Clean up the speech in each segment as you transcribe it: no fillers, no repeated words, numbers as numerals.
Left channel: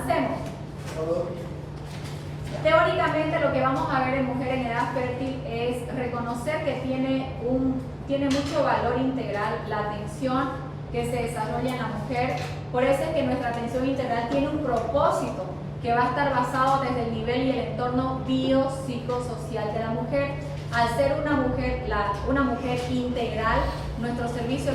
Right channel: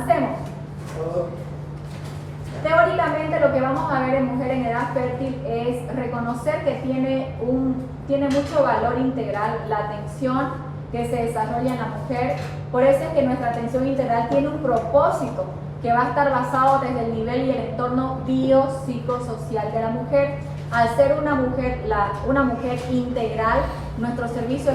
Avancemos. Teóricamente lo que vamos a ver en mujer en edad fértil es reconocer que tiene mucho valor integral la atención que se desarrolla en la mujer. Por eso es que nuestra atención integral tiene un propósito que va a estar basado desde el nivel y el entorno biopsicosocial de la mujer. Al ser una mujer integral, nuestro servicio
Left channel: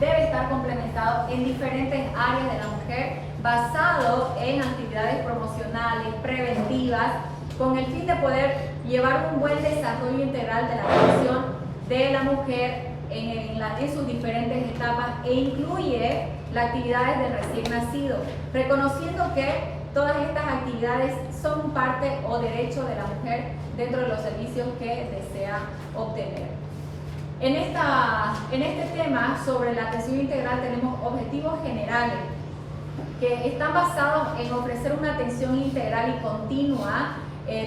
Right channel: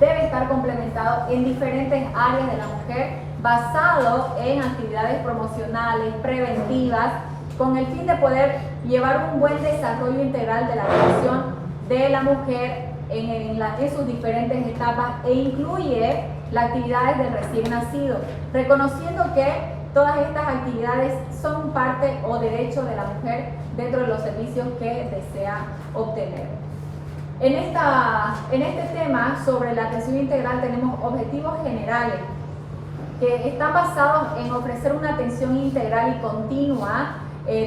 debe estar complementado en diferentes áreas de la mujer, basado en actividades promocionales, preventivas, con el fin de poder llevar un buen desarrollo integral de la atención de la mujer en sus diferentes etapas, e incluye las actividades del recién nacido, reconociendo que todas estas actividades son parte o derecho de la mujer dentro de los servicios que desea obtener. En este tema sobre la atención integral tenemos objetivos generales que están basados en ofrecer una atención integral y continua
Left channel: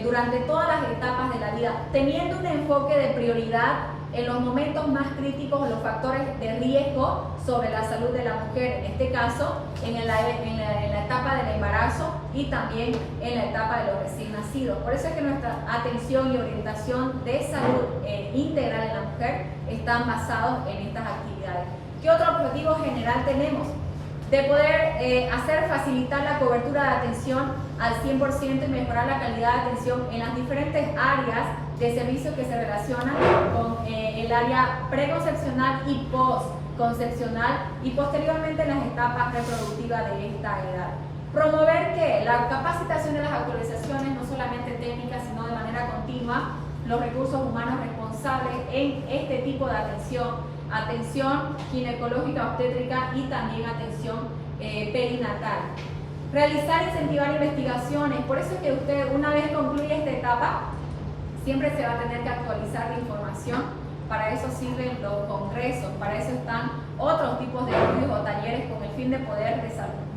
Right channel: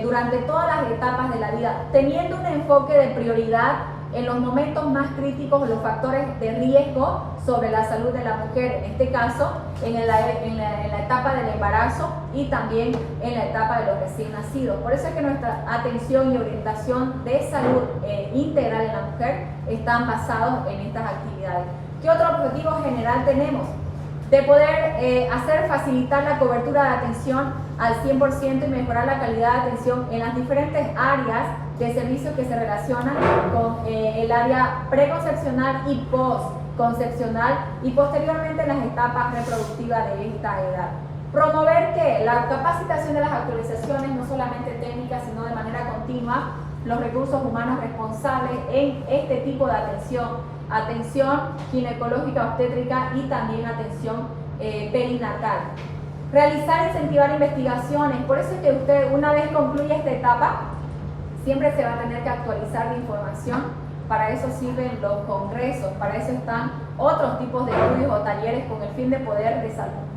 durante todas las etapas de la vida, teniendo un enfoque de prioridad en los momentos más críticos o los factores de riesgo sobre la salud de la mujer, en este caso en la etapa del embarazo y también en la etapa de los recién nacidos. Por eso es que nuestra atención y orientación de salud integral en la mujer están basados en estas actividades. ¿Qué otro objetivo general tenemos? De poder facilitar la cobertura de atención al 100% y mejorar la calidad de atención en las diferentes áreas de servicio que se relacionan con el área preconcepcional y postconcepcional y posteriormente en las etapas reproductivas de esta edad. Promover que la capacitación de las actualizaciones, no solamente técnicas, sino de manera continua, los recursos humanos responsables en este tipo de atención ginecológica obstétrica y también atención perinatal. Realizar e incentivar investigaciones, por eso es que usted una vez concluye esta etapa, siempre se va a tener que actualizar la información. Para eso sirven los congresos, para eso están otros tipos de estudios o talleres con el fin de poder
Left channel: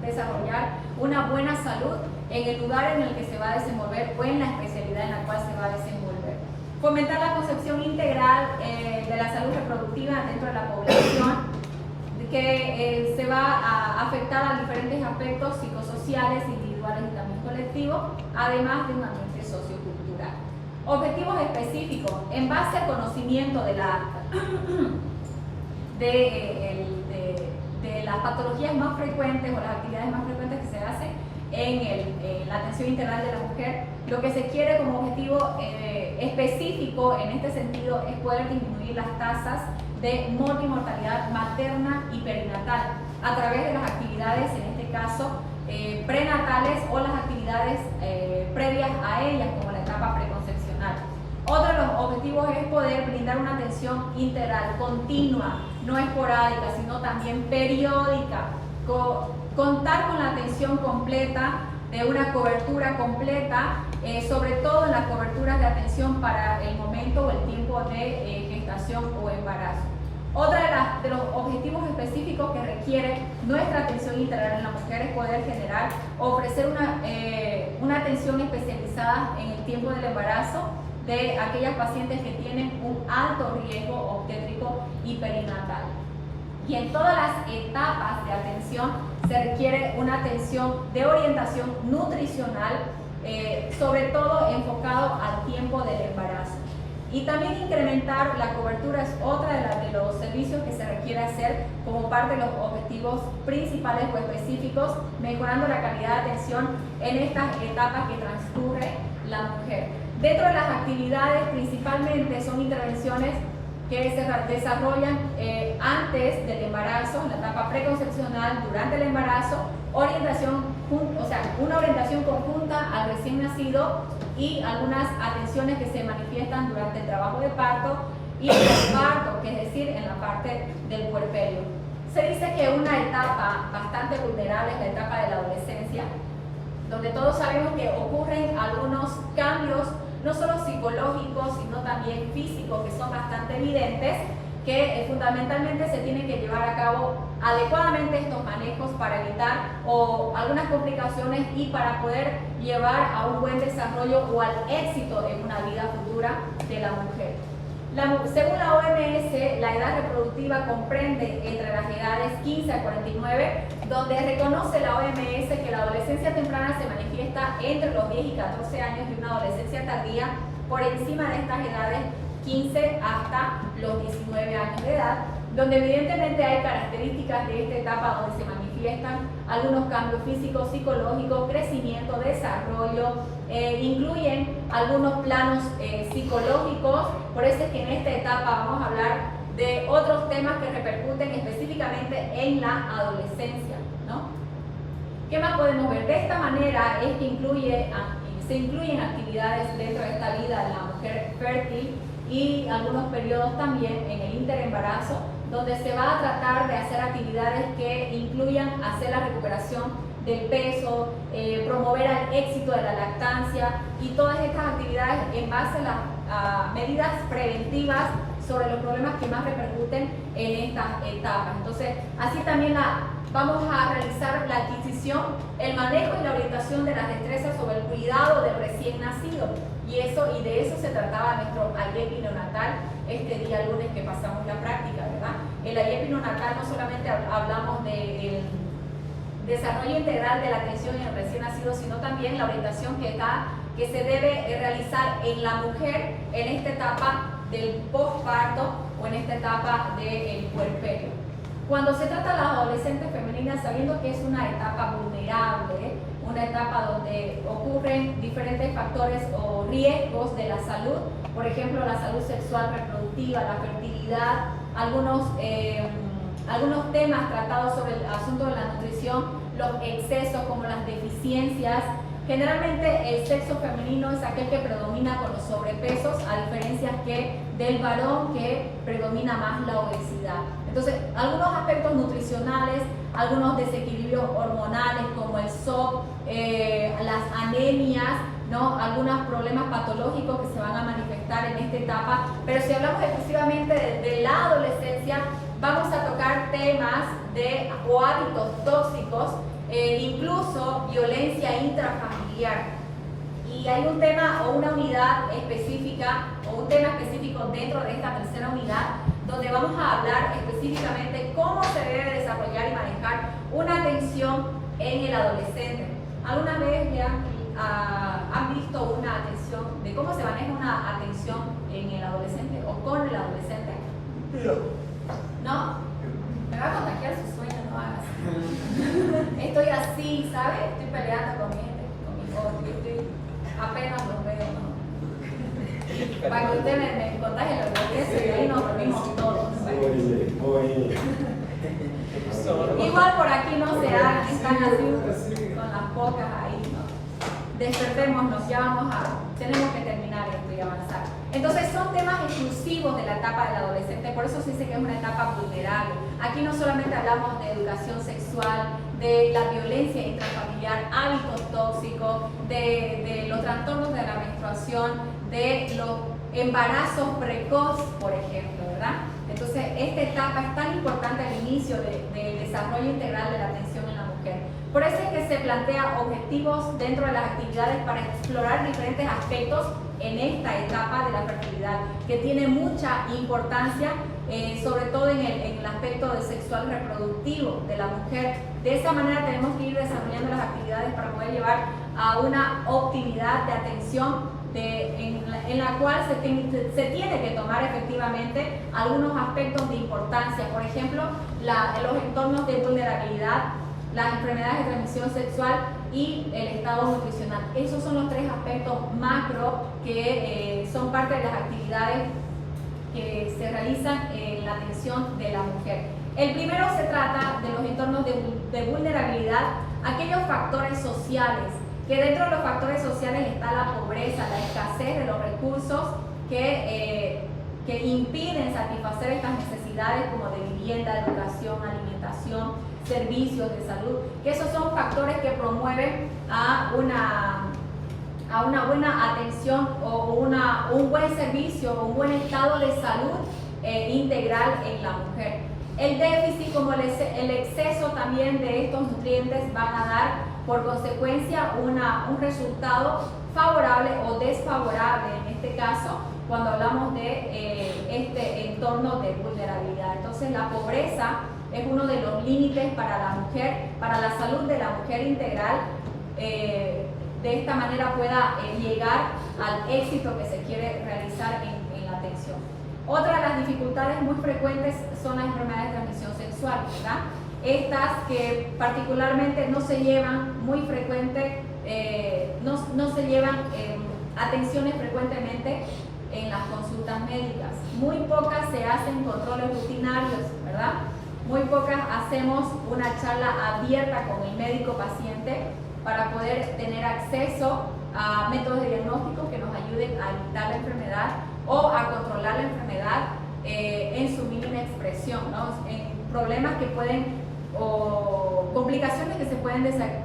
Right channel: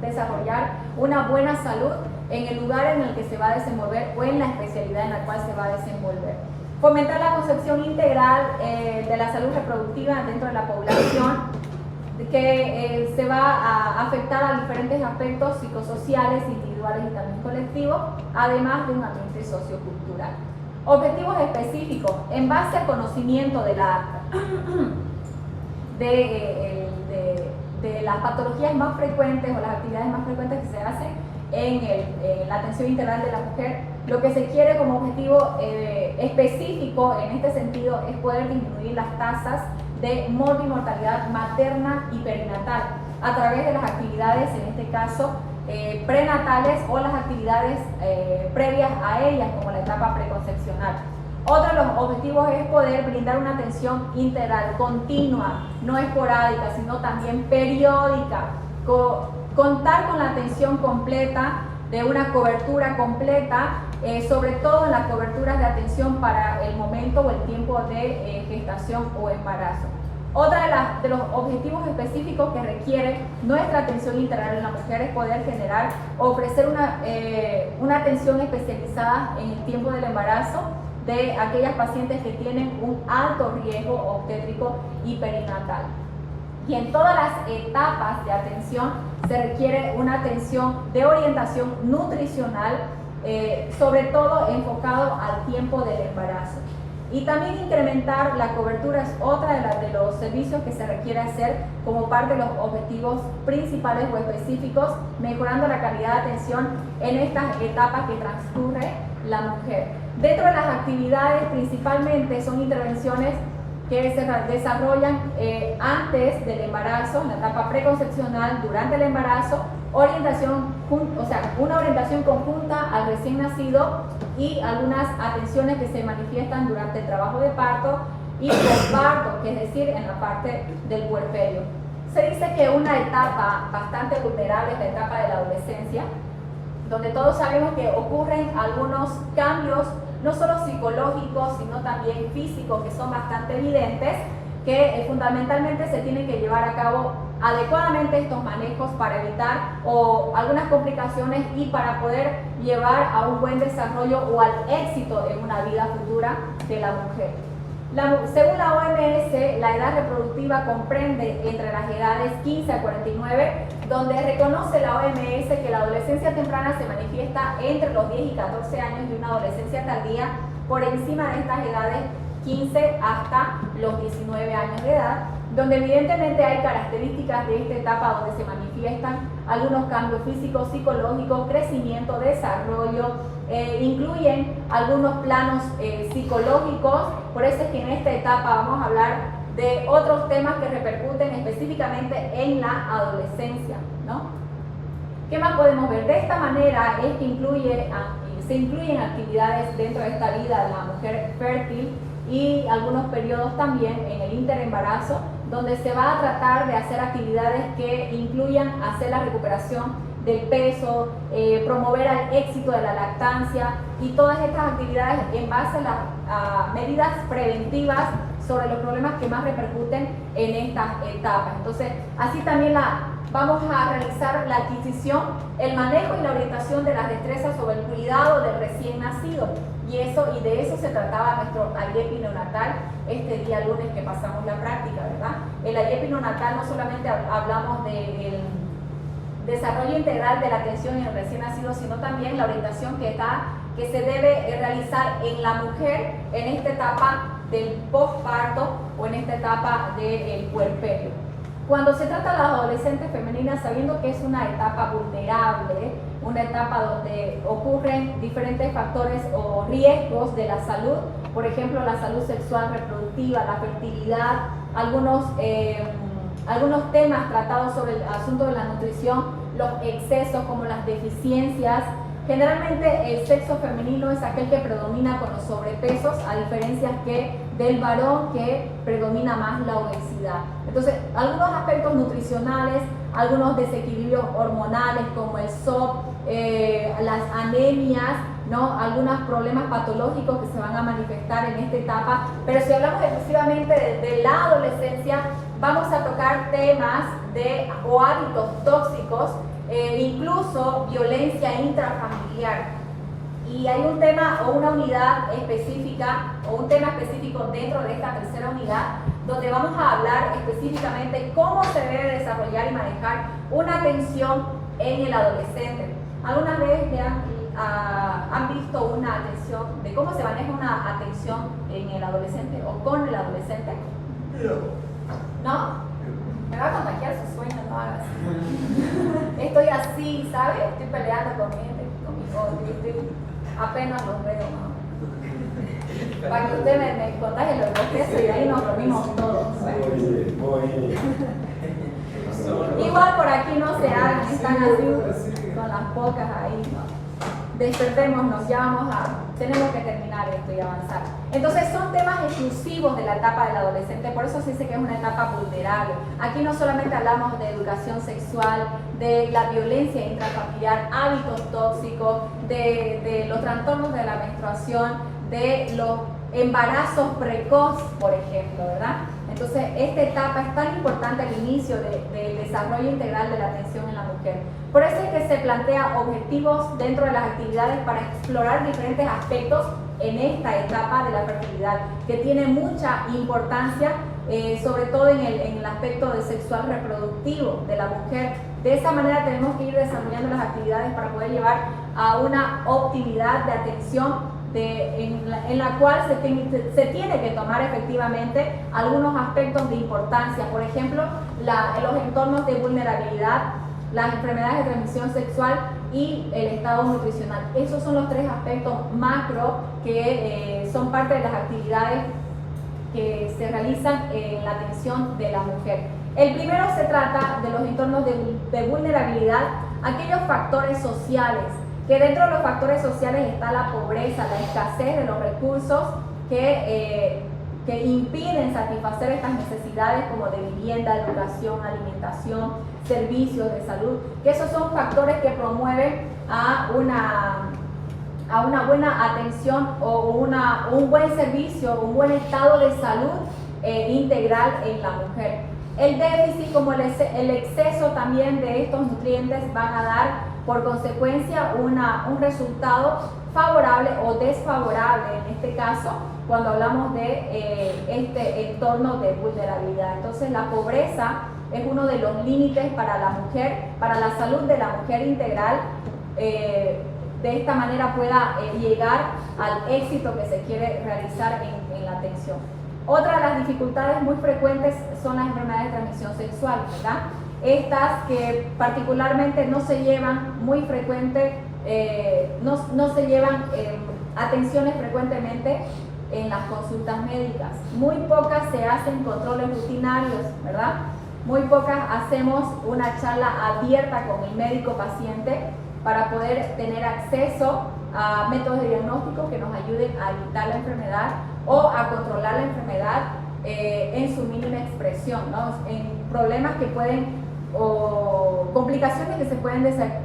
desarrollar una buena salud en el lugar en el que se va a desenvolver o en la especialidad en la cual se va a desenvolver. Fomentar la concepción integral de la salud reproductiva dentro de la población, que se va a afectar a diferentes aspectos psicosociales, individuales y también colectivos, además de un ambiente sociocultural. Objetivos específicos en base al conocimiento de las patologías más frecuentes o las actividades más frecuentes que se hacen en la atención integral de la mujer. Lo que se quiere como objetivo específico en este sentido es poder disminuir las tasas de morbimortalidad materna y perinatal a través de las actividades, en este caso, prenatales o las actividades previas a ellas, como la etapa preconcepcional. Otro de los objetivos es poder brindar una atención integral, continua, no esporádica, sino también periódica, contar con la atención completa, de una cobertura completa, sobre todo en las coberturas de atención para el momento o el tiempo de gestación o embarazo. Otro de los objetivos específicos que requiere nuestra atención integral en la mujer es poder generar o ofrecer una atención especializada en el tiempo del embarazo de aquellas pacientes que tienen un alto riesgo obstétrico y perinatal. Y en todas las etapas de atención se requiere una atención de orientación nutricional, sobre todo enfocado al tiempo del embarazo. Y también incrementar la cobertura es otra de los servicios que se requiere hacer como parte de los objetivos principales o específicos, mejorando la calidad de atención en estas etapas que transcurre la mujer. Dentro de las actividades principalmente son intervenciones que se desarrollan antes del embarazo, en la etapa preconcepcional, durante el embarazo, una orientación conjunta al recién nacido y algunas atenciones que se manifiestan durante el trabajo de parto y el parto, que es decir, en la parte del puerperio. Se dice que una etapa bastante vulnerable es la etapa de la adolescencia, donde todos sabemos que ocurren algunos cambios, no solo psicológicos, sino también físicos, que son bastante evidentes, que fundamentalmente se tienen que llevar a cabo adecuadamente estos manejos para evitar algunas complicaciones y para poder llevar a un buen desarrollo o al éxito en una vida futura de la mujer. Según la OMS, la edad reproductiva comprende entre las edades 15 a 49, donde reconoce la OMS que la adolescencia temprana se manifiesta entre los 10 y 14 años y una adolescencia tardía por encima de estas edades 15 hasta los 19 años de edad, donde evidentemente hay características de esta etapa donde se manifiestan algunos cambios físicos, psicológicos, crecimiento, desarrollo, incluyen algunos planos psicológicos. Por eso es que en esta etapa vamos a hablar de otros temas que repercuten específicamente en la adolescencia, ¿no? ¿Qué más podemos ver? De esta manera es que se incluyen actividades dentro de esta vida de la mujer fértil y algunos periodos también en el interembarazo, donde se va a tratar de hacer actividades que incluyan hacer la recuperación del peso, promover el éxito de la lactancia y todas estas actividades en base a medidas preventivas sobre los problemas que más repercuten en estas etapas. Entonces, así también vamos a realizar la adquisición, el manejo y la orientación de las destrezas sobre el cuidado del recién nacido. Y de eso se trataba nuestro IEPI neonatal este día lunes que pasamos la práctica, ¿verdad? El IEPI neonatal no solamente hablamos del desarrollo integral de la atención en el recién nacido, sino también la orientación que se debe realizar en la mujer en esta etapa del posparto o en esta etapa del puerperio. Cuando se trata de las adolescentes femeninas, sabiendo que es una etapa vulnerable, una etapa donde ocurren diferentes factores o riesgos de la salud, por ejemplo, la salud sexual reproductiva, la fertilidad, algunos temas tratados sobre el asunto de la nutrición, los excesos como las deficiencias. Generalmente el sexo femenino es aquel que predomina con los sobrepesos, a diferencia que del varón, que predomina más la obesidad. Entonces, algunos aspectos nutricionales, algunos desequilibrios hormonales como el SOP, las anemias, ¿no? Algunos problemas patológicos que se van a manifestar en esta etapa. Pero si hablamos exclusivamente de la adolescencia, vamos a tocar temas o hábitos tóxicos, incluso violencia intrafamiliar. Y hay un tema o una unidad específica o un tema específico dentro de esta tercera unidad donde vamos a hablar específicamente cómo se debe desarrollar y manejar una atención en el adolescente. ¿Alguna vez han visto una atención, de cómo se maneja una atención en el adolescente o con el adolescente? ¿No? Me va a contagiar su sueño, no hagas. Estoy así, ¿sabes? Estoy peleando con mi gente, con mi voz, apenas los veo, ¿no? Para que usted me contagie lo que y ahí nos reunimos todos. Muy bien. Igual por aquí no se hagan, están así con las bocas ahí, ¿no? Despertémonos, tenemos que terminar esto y avanzar. Entonces son temas exclusivos de la etapa del adolescente, por eso se dice que es una etapa vulnerable. Aquí no solamente hablamos de educación sexual, de la violencia intrafamiliar, hábitos tóxicos, de los trastornos de la menstruación, de los embarazos precoz, por ejemplo, ¿verdad? Entonces esta etapa es tan importante al inicio del desarrollo integral de la atención en la mujer. Por eso es que se plantea objetivos dentro de las actividades para explorar diferentes aspectos en esta etapa de la fertilidad, que tiene mucha importancia, sobre todo en el aspecto del sexual reproductivo de la mujer. De esa manera tenemos que ir desarrollando las actividades para poder llevar a una optimidad de atención en la cual se tiene que tomar efectivamente algunos aspectos de importancia. Por ejemplo, los entornos de vulnerabilidad, las enfermedades de transmisión sexual y el estado nutricional. Esos son los tres aspectos macro que son parte de las actividades que se realizan en la atención de la mujer. El primero se trata de los entornos de vulnerabilidad, aquellos factores sociales, que dentro de los factores sociales está la pobreza, la escasez de los recursos que impiden satisfacer estas necesidades como de vivienda, educación, alimentación, servicios de salud, que esos son factores que promueven a una buena atención o un buen servicio, un buen estado de salud integral en la mujer. El déficit como el exceso también de estos nutrientes van a dar por consecuencia un resultado favorable o desfavorable, en este caso, cuando hablamos de este entorno de vulnerabilidad. Entonces, la pobreza es uno de los límites para la mujer, para la salud de la mujer integral, de esta manera pueda llegar al éxito que se quiere realizar en la atención. Otra de las dificultades muy frecuentes son las enfermedades de transmisión sexual, ¿verdad? Estas que particularmente no se llevan muy frecuente, no se llevan atenciones frecuentemente en las consultas médicas. Muy pocas se hacen controles rutinarios, ¿verdad? Muy pocas hacemos una charla abierta con el médico paciente para poder tener acceso a métodos de diagnóstico que nos ayuden a evitar la enfermedad o a controlar la enfermedad en su mínima expresión, ¿no? En problemas que pueden, o complicaciones que se pueden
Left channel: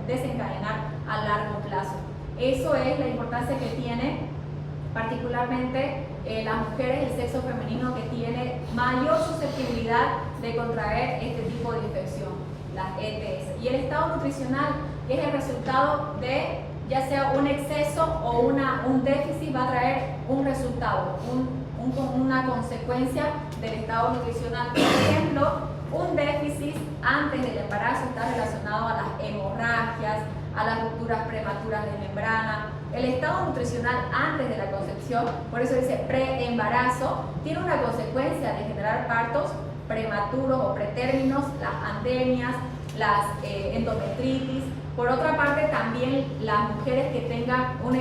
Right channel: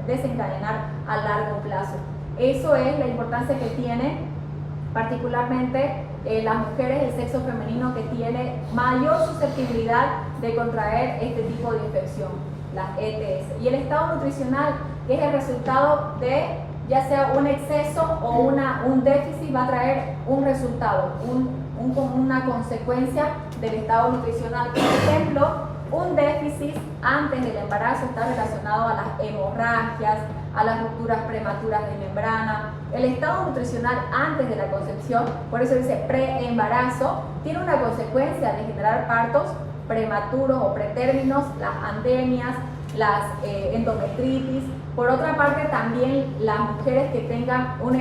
desencadenar a largo plazo. Eso es la importancia que tiene particularmente las mujeres del sexo femenino, que tiene mayor susceptibilidad de contraer este tipo de infección, las ETS. Y el estado nutricional, que es el resultado de ya sea un exceso o un déficit, va a traer un resultado, una consecuencia del estado nutricional. Por ejemplo, un déficit antes del embarazo está relacionado a las hemorragias, a las rupturas prematuras de membrana. El estado nutricional antes de la concepción, por eso dice preembarazo, tiene una consecuencia de generar partos prematuros o pretérminos, las andemias, las endometritis. Por otra parte, también las mujeres que tengan un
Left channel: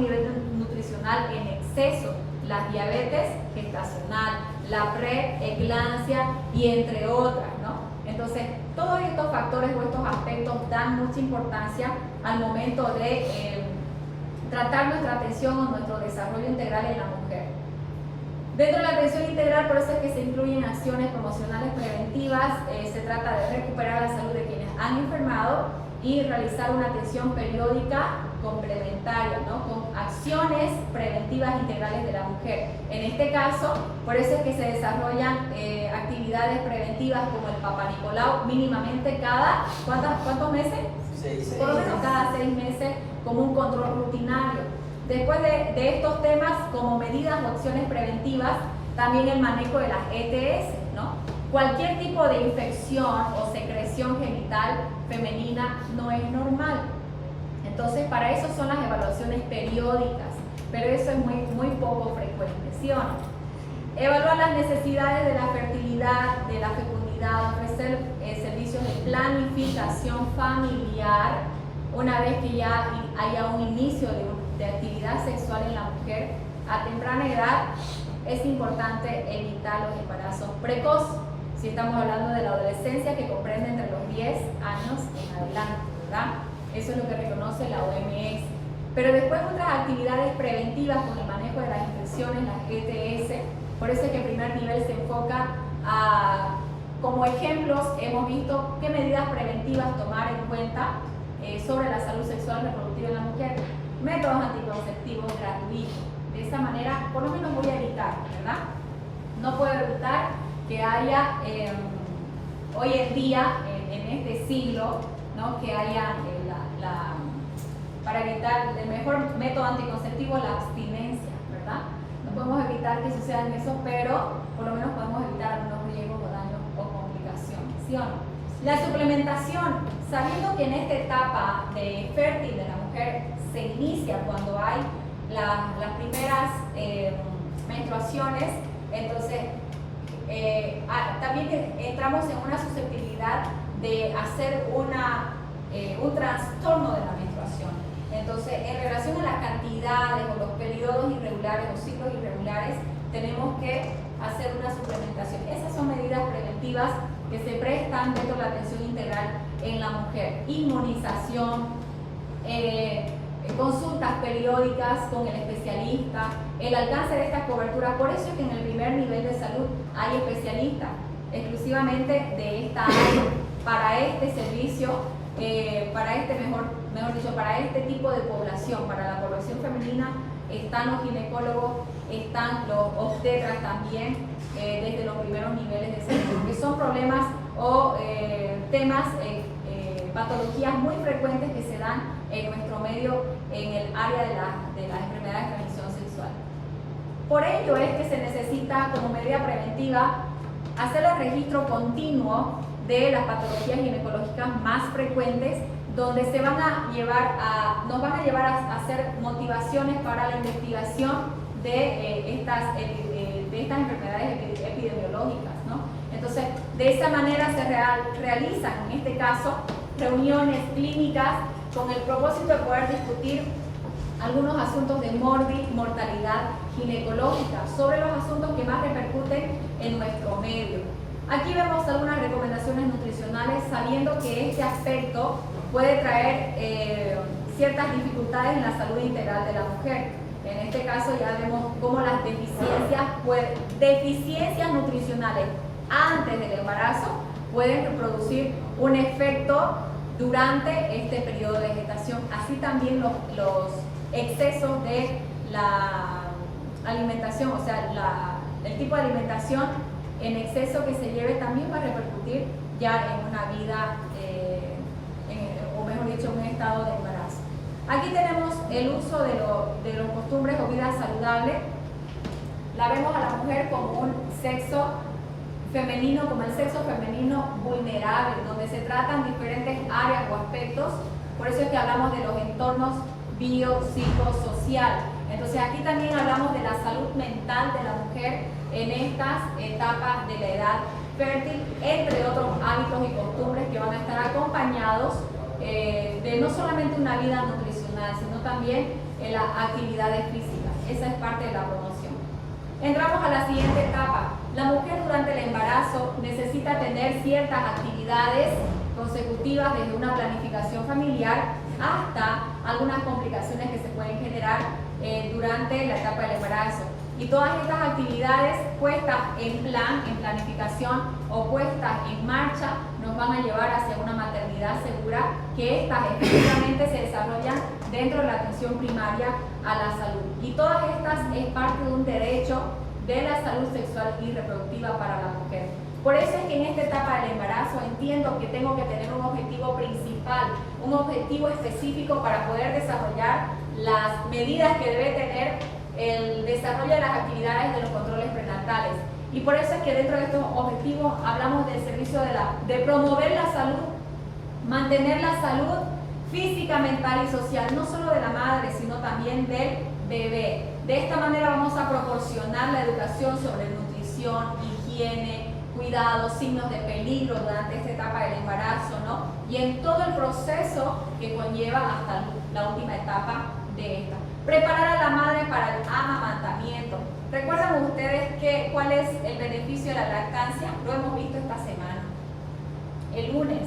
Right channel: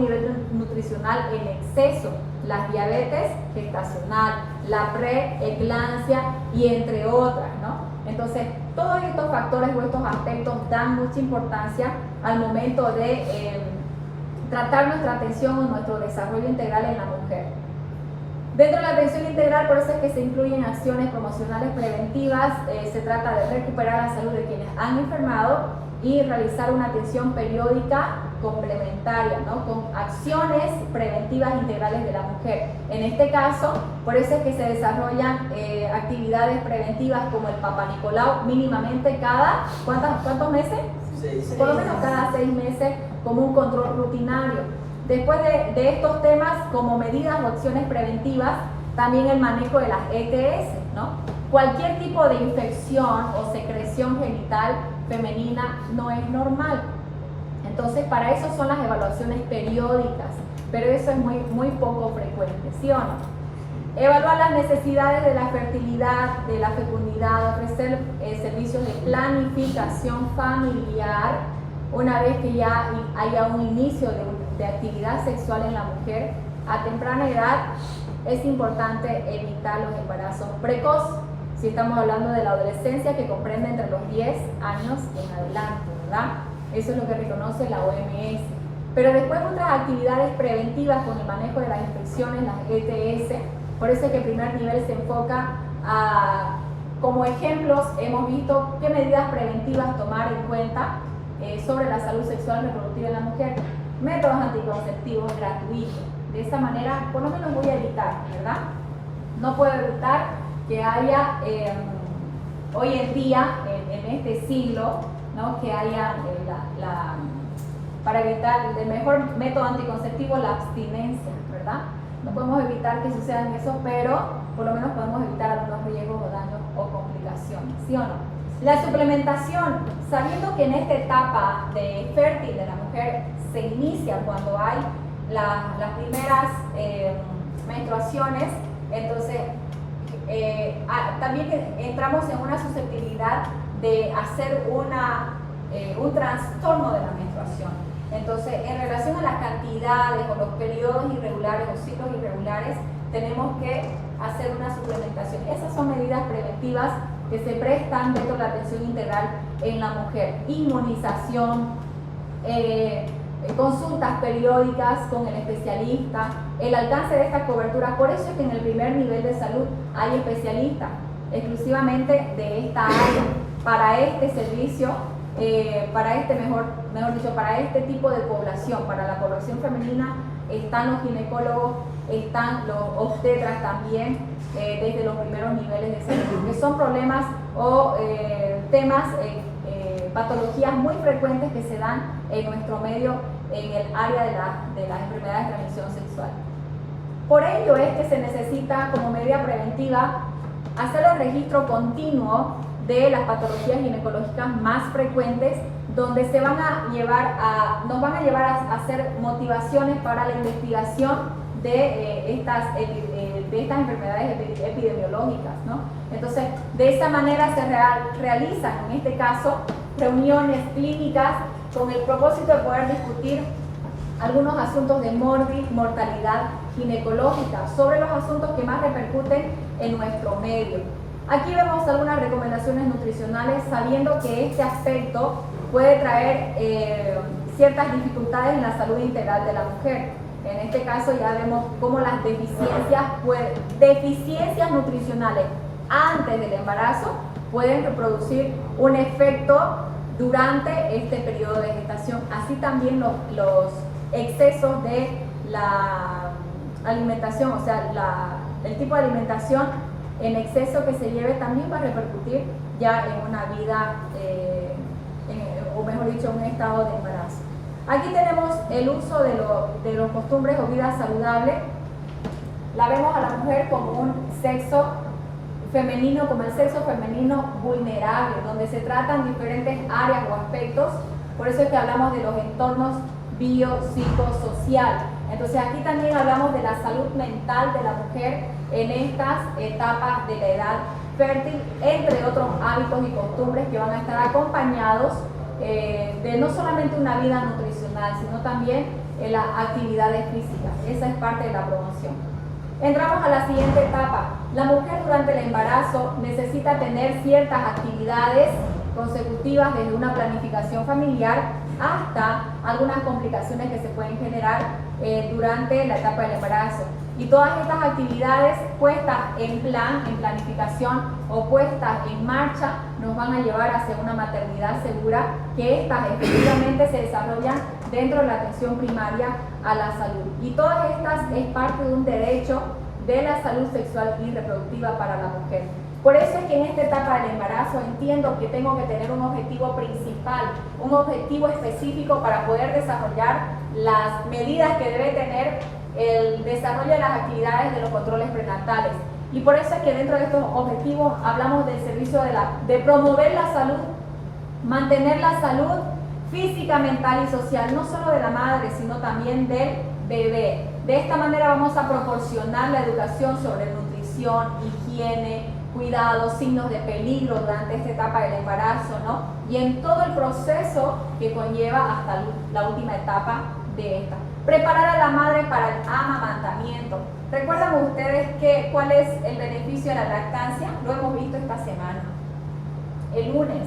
nivel nutricional en exceso, las diabetes gestacional, la preeclampsia y entre otras, ¿no? Entonces, todos estos factores o estos aspectos dan mucha importancia al momento de tratar nuestra atención o nuestro desarrollo integral en la mujer. Dentro de la atención integral, por eso es que se incluyen acciones promocionales preventivas. Se trata de recuperar la salud de quienes han enfermado y realizar una atención periódica complementaria, ¿no? Con acciones preventivas integrales de la mujer. En este caso, por eso es que se desarrollan actividades preventivas como el Papá Nicolau, mínimamente cada, ¿cuántos meses? 6 Por lo menos cada 6 meses, como un control rutinario. Después de estos temas, como medidas o acciones preventivas, también el manejo de las ETS, ¿no? Cualquier tipo de infección o secreción genital femenina no es normal. Entonces, para eso son las evaluaciones periódicas, pero eso es muy poco frecuente, ¿sí o no? Evaluar las necesidades de la fertilidad, de la fecundidad, ofrecer servicios de planificación familiar una vez que ya haya un inicio de actividad sexual en la mujer a temprana edad. Es importante evitar los embarazos precoces, si estamos hablando de la adolescencia, que comprende entre los 10 años en adelante, ¿verdad? Eso es lo que reconoce la OMS. Pero después otras actividades preventivas con el manejo de las infecciones, las ETS. Por eso es que el primer nivel se enfoca a, como ejemplos, hemos visto qué medidas preventivas tomar en cuenta sobre la salud sexual y reproductiva de la mujer. Métodos anticonceptivos gratuitos. De esa manera, por lo menos voy a evitar, ¿verdad? No puedo evitar que haya, hoy en día, en este siglo, ¿no? Que haya para evitar el mejor método anticonceptivo, la abstinencia, ¿verdad? No podemos evitar que sucedan eso, pero por lo menos podemos evitar algunos riesgos o daños o complicaciones, ¿sí o no? La suplementación, sabiendo que en esta etapa de fértil de la mujer se inicia cuando hay las primeras menstruaciones, entonces también entramos en una susceptibilidad de hacer un trastorno de la menstruación. Entonces, en relación a las cantidades o los periodos irregulares o ciclos irregulares, tenemos que hacer una suplementación. Esas son medidas preventivas que se prestan dentro de la atención integral en la mujer. Inmunización, consultas periódicas con el especialista, el alcance de estas coberturas. Por eso es que en el primer nivel de salud hay especialistas exclusivamente de esta área para este servicio, para este mejor dicho, para este tipo de población. Para la población femenina están los ginecólogos, están los obstetras también, desde los primeros niveles de salud, que son problemas o temas patologías muy frecuentes que se dan en nuestro medio en el área de las enfermedades de transmisión sexual. Por ello es que se necesita como medida preventiva hacer el registro continuo de las patologías ginecológicas más frecuentes, donde nos van a llevar a hacer motivaciones para la investigación de estas enfermedades epidemiológicas, ¿no? Entonces, de esa manera se realizan, en este caso, reuniones clínicas con el propósito de poder discutir algunos asuntos de mortalidad ginecológica, sobre los asuntos que más repercuten en nuestro medio. Aquí vemos algunas recomendaciones nutricionales, sabiendo que este aspecto puede traer ciertas dificultades en la salud integral de la mujer. En este caso ya vemos cómo las deficiencias nutricionales antes del embarazo pueden producir un efecto durante este periodo de gestación. Así también los excesos de la alimentación, o sea, el tipo de alimentación en exceso que se lleve también va a repercutir ya en una vida, o mejor dicho, en un estado de embarazo. Aquí tenemos el uso de los costumbres o vida saludable. La vemos a la mujer como un sexo femenino, como el sexo femenino vulnerable, donde se tratan diferentes áreas o aspectos. Por eso es que hablamos de los entornos biopsicosocial. Entonces aquí también hablamos de la salud mental de la mujer en estas etapas de la edad fértil, entre otros hábitos y costumbres que van a estar acompañados de no solamente una vida nutricional, sino también en las actividades físicas. Esa es parte de la promoción. Entramos a la siguiente etapa. La mujer durante el embarazo necesita tener ciertas actividades consecutivas, desde una planificación familiar hasta algunas complicaciones que se pueden generar durante la etapa del embarazo. Y todas estas actividades puestas en planificación o puestas en marcha, nos van a llevar hacia una maternidad segura, que estas efectivamente se desarrollan dentro de la atención primaria a la salud. Y todas estas es parte de un derecho de la salud sexual y reproductiva para la mujer. Por eso es que en esta etapa del embarazo entiendo que tengo que tener un objetivo principal, un objetivo específico para poder desarrollar las medidas que debe tener el desarrollo de las actividades de los controles prenatales. Y por eso es que dentro de estos objetivos hablamos del servicio de promover la salud, mantener la salud física, mental y social, no solo de la madre, sino también del bebé. De esta manera vamos a proporcionar la educación sobre nutrición, higiene, cuidados, signos de peligro durante esta etapa del embarazo, ¿no? Y en todo el proceso que conlleva hasta la última etapa de esta. Preparar a la madre para el amamantamiento. ¿Recuerdan ustedes cuál es el beneficio de la lactancia? Lo hemos visto esta semana, el lunes.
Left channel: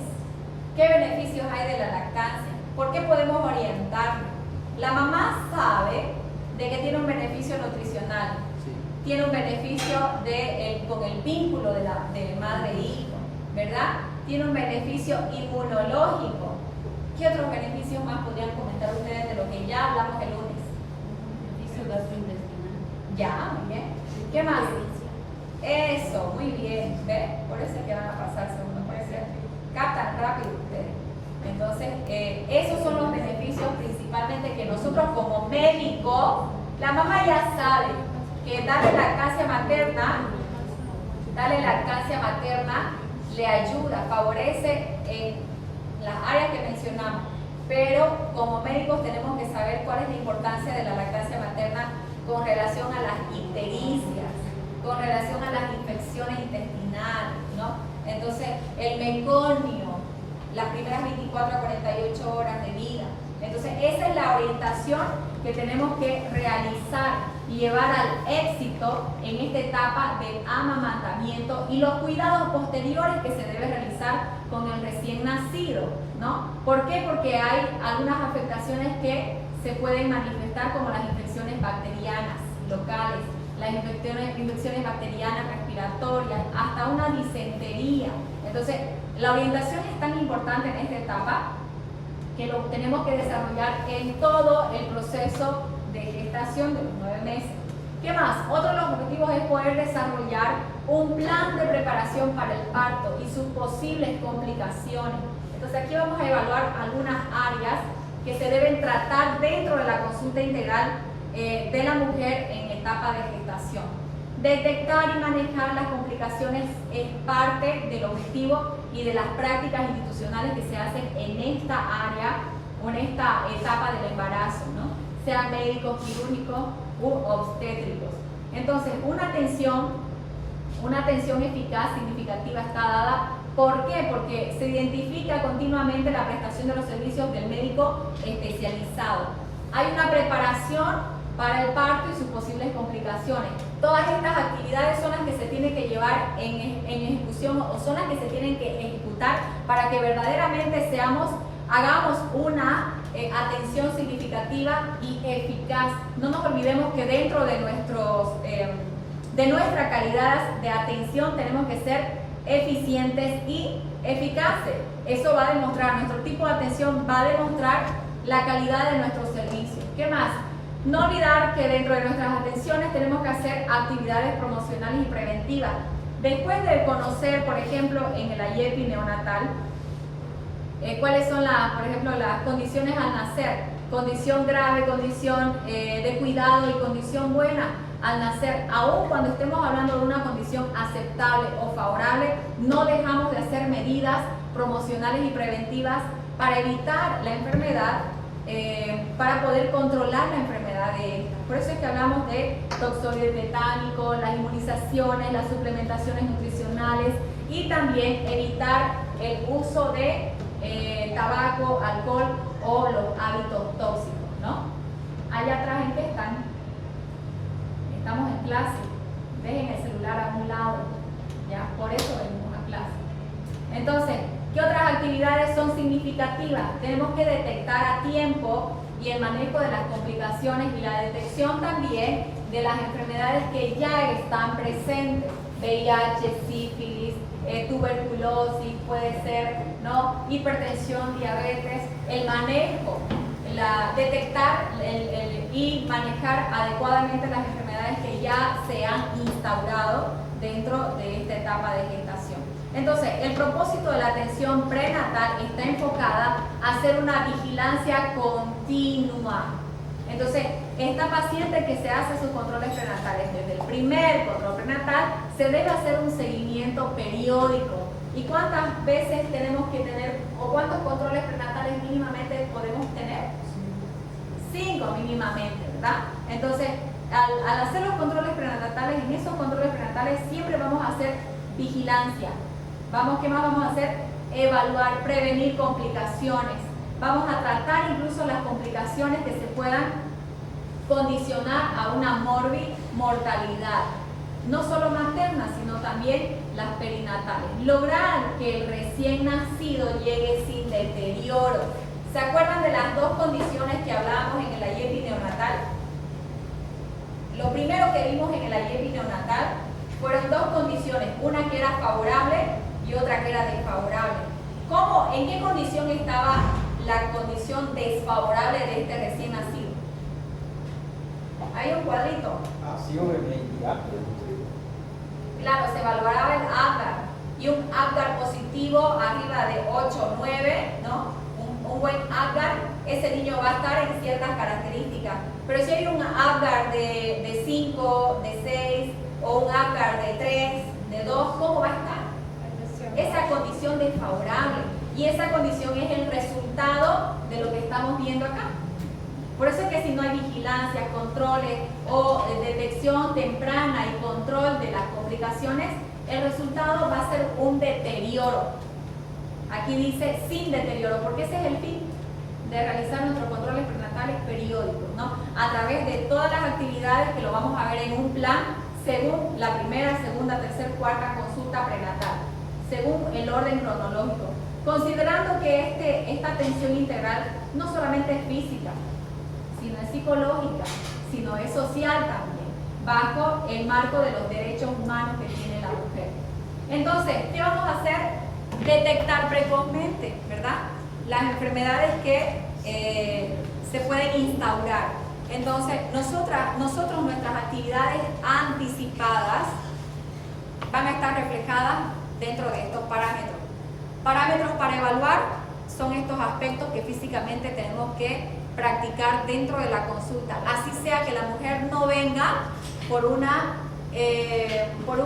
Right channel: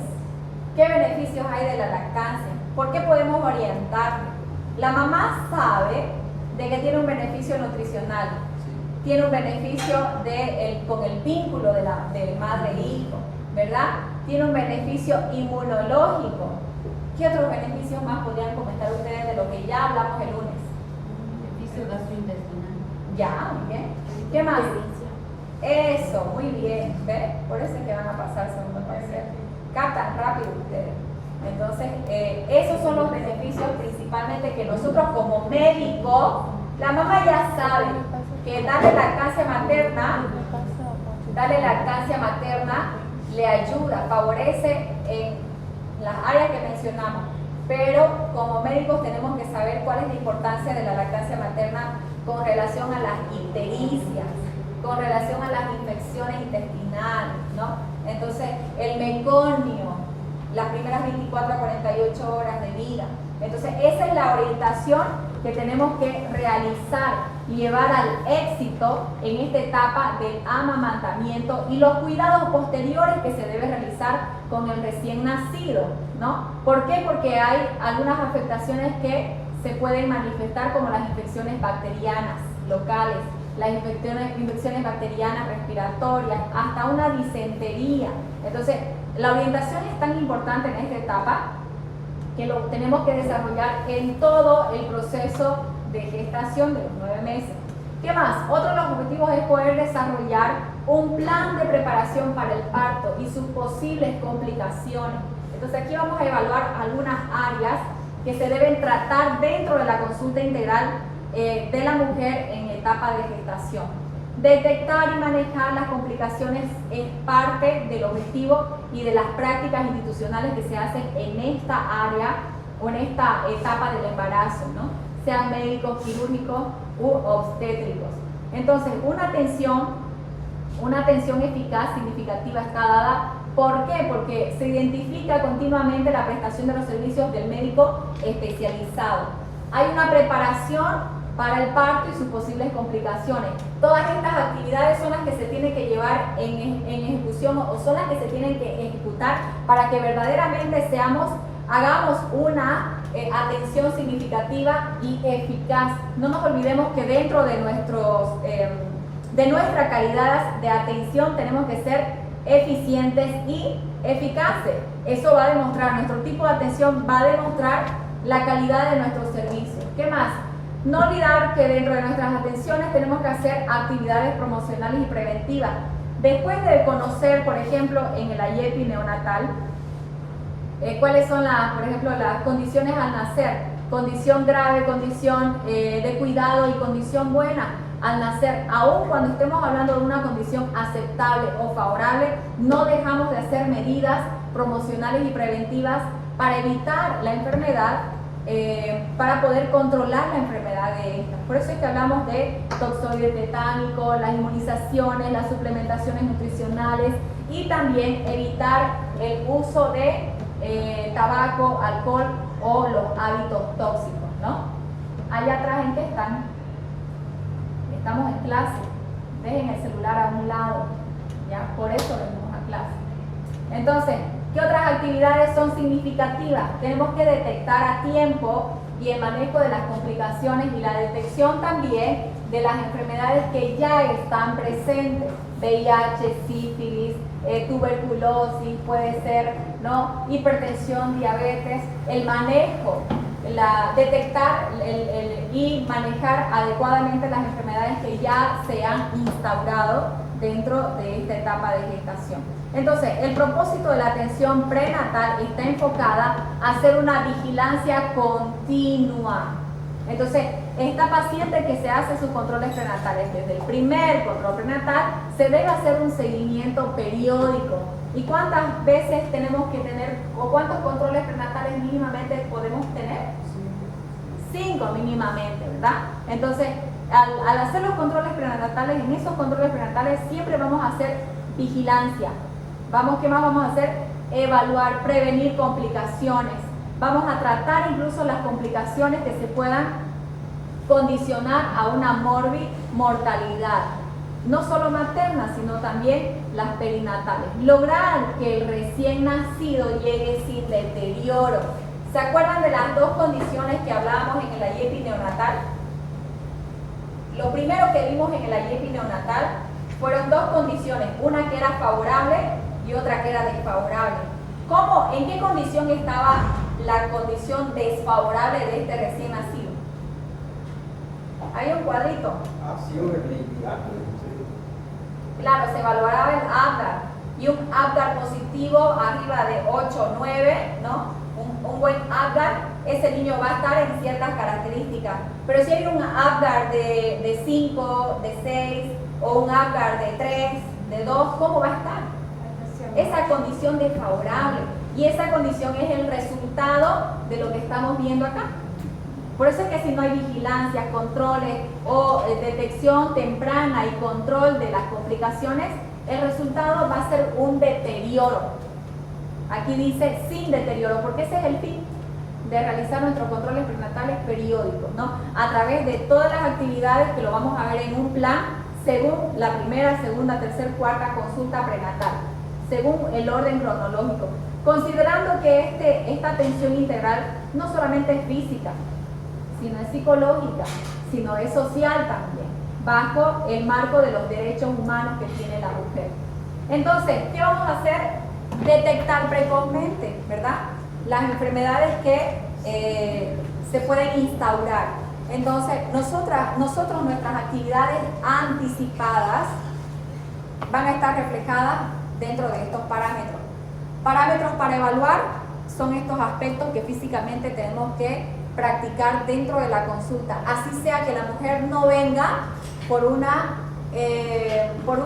¿Qué beneficios hay de la lactancia? ¿Por qué podemos orientarnos? La mamá sabe de que tiene un beneficio nutricional, tiene un beneficio con el vínculo de madre e hijo, ¿verdad? Tiene un beneficio inmunológico. ¿Qué otros beneficios más podrían comentar ustedes de lo que ya hablamos el lunes? Beneficio gastrointestinal. Ya, muy bien. ¿Qué más? Eso, muy bien. ¿Ves? Por eso es que van a pasar segundo parcial. Captan rápido ustedes. Entonces, esos son los beneficios principalmente que nosotros como médicos, la mamá ya sabe que darle lactancia materna le ayuda, favorece en las áreas que mencionamos, pero como médicos tenemos que saber cuál es la importancia de la lactancia materna con relación a las ictericias, con relación a las infecciones intestinales, ¿no? Entonces, el meconio, las primeras 24 a 48 horas de vida. Entonces, esa es la orientación que tenemos que realizar y llevar al éxito en esta etapa del amamantamiento y los cuidados posteriores que se debe realizar con el recién nacido, ¿no? ¿Por qué? Porque hay algunas afectaciones que se pueden manifestar, como las infecciones bacterianas locales, las infecciones bacterianas respiratorias, hasta una disentería. Entonces, la orientación es tan importante en esta etapa que lo tenemos que desarrollar en todo el proceso de gestación de los 9 meses. ¿Qué más? Otro de los objetivos es poder desarrollar un plan de preparación para el parto y sus posibles complicaciones. Entonces aquí vamos a evaluar algunas áreas que se deben tratar dentro de la consulta integral de la mujer en etapa de gestación. Detectar y manejar las complicaciones es parte del objetivo y de las prácticas institucionales que se hacen en esta área o en esta etapa del embarazo, ¿no? Sean médicos, quirúrgicos u obstétricos. Entonces, una atención eficaz, significativa está dada. ¿Por qué? Porque se identifica continuamente la prestación de los servicios del médico especializado. Hay una preparación para el parto y sus posibles complicaciones. Todas estas actividades son las que se tienen que llevar en ejecución o son las que se tienen que ejecutar para que verdaderamente hagamos una atención significativa y eficaz. No nos olvidemos que dentro de nuestra calidad de atención tenemos que ser eficientes y eficaces. Eso va a demostrar, nuestro tipo de atención va a demostrar la calidad de nuestros servicios. ¿Qué más? No olvidar que dentro de nuestras atenciones tenemos que hacer actividades promocionales y preventivas. Después de conocer, por ejemplo, en el IEPI neonatal, cuáles son por ejemplo, las condiciones al nacer, condición grave, condición de cuidado y condición buena al nacer, aun cuando estemos hablando de una condición aceptable o favorable, no dejamos de hacer medidas promocionales y preventivas para evitar la enfermedad, para poder controlar la enfermedad de esta. Por eso es que hablamos de toxoide tetánico, las inmunizaciones, las suplementaciones nutricionales y también evitar el uso de tabaco, alcohol o los hábitos tóxicos, ¿no? Allá atrás, ¿en qué están? Estamos en clase. Dejen el celular a un lado, ¿ya? Por eso venimos a clase. Entonces, ¿qué otras actividades son significativas? Tenemos que detectar a tiempo y el manejo de las complicaciones y la detección también de las enfermedades que ya están presentes. VIH, sífilis, tuberculosis, puede ser, ¿no? Hipertensión, diabetes, el manejo, detectar y manejar adecuadamente las enfermedades que ya se han instaurado dentro de esta etapa de gestación. Entonces, el propósito de la atención prenatal está enfocada a hacer una vigilancia continua. Entonces, esta paciente que se hace sus controles prenatales, desde el primer control prenatal, se debe hacer un seguimiento periódico. ¿Y cuántas veces tenemos que tener, o cuántos controles prenatales mínimamente podemos tener? 5 mínimamente, ¿verdad? Entonces, al hacer los controles prenatales, en esos controles prenatales siempre vamos a hacer vigilancia. ¿Qué más vamos a hacer? Evaluar, prevenir complicaciones. Vamos a tratar incluso las complicaciones que se puedan condicionar a una mortalidad, no solo materna, sino también las perinatales. Lograr que el recién nacido llegue sin deterioro. ¿Se acuerdan de las dos condiciones que hablábamos en el IEPI neonatal? Lo primero que vimos en el IEPI neonatal fueron dos condiciones, una que era favorable y otra que era desfavorable. ¿Cómo? ¿En qué condición estaba la condición desfavorable de este recién nacido? Hay un cuadrito. Claro, se evaluaba el Apgar y un Apgar positivo arriba de 8 o 9, ¿no? Un buen Apgar, ese niño va a estar en ciertas características. Pero si hay un Apgar de 5, de 6 o un Apgar de 3, de 2, ¿cómo va a estar? Esa condición desfavorable. Y esa condición es el resultado de lo que estamos viendo acá. Por eso es que si no hay vigilancia, controles o detección temprana y control de las complicaciones, el resultado va a ser un deterioro. Aquí dice sin deterioro, porque ese es el fin de realizar nuestros controles prenatales periódicos, ¿no? A través de todas las actividades que lo vamos a ver en un plan, según la primera, segunda, tercera, cuarta consulta prenatal, según el orden cronológico. Considerando que esta atención integral no solamente es física, sino es psicológica, sino es social también, bajo el marco de los derechos humanos que tiene la mujer. Entonces, ¿qué vamos a hacer? Detectar precozmente, ¿verdad? Las enfermedades que se pueden instaurar. Entonces, nosotros nuestras actividades anticipadas van a estar reflejadas dentro de estos parámetros. Parámetros para evaluar son estos aspectos que físicamente tenemos que practicar dentro de la consulta. Así sea que la mujer no venga por un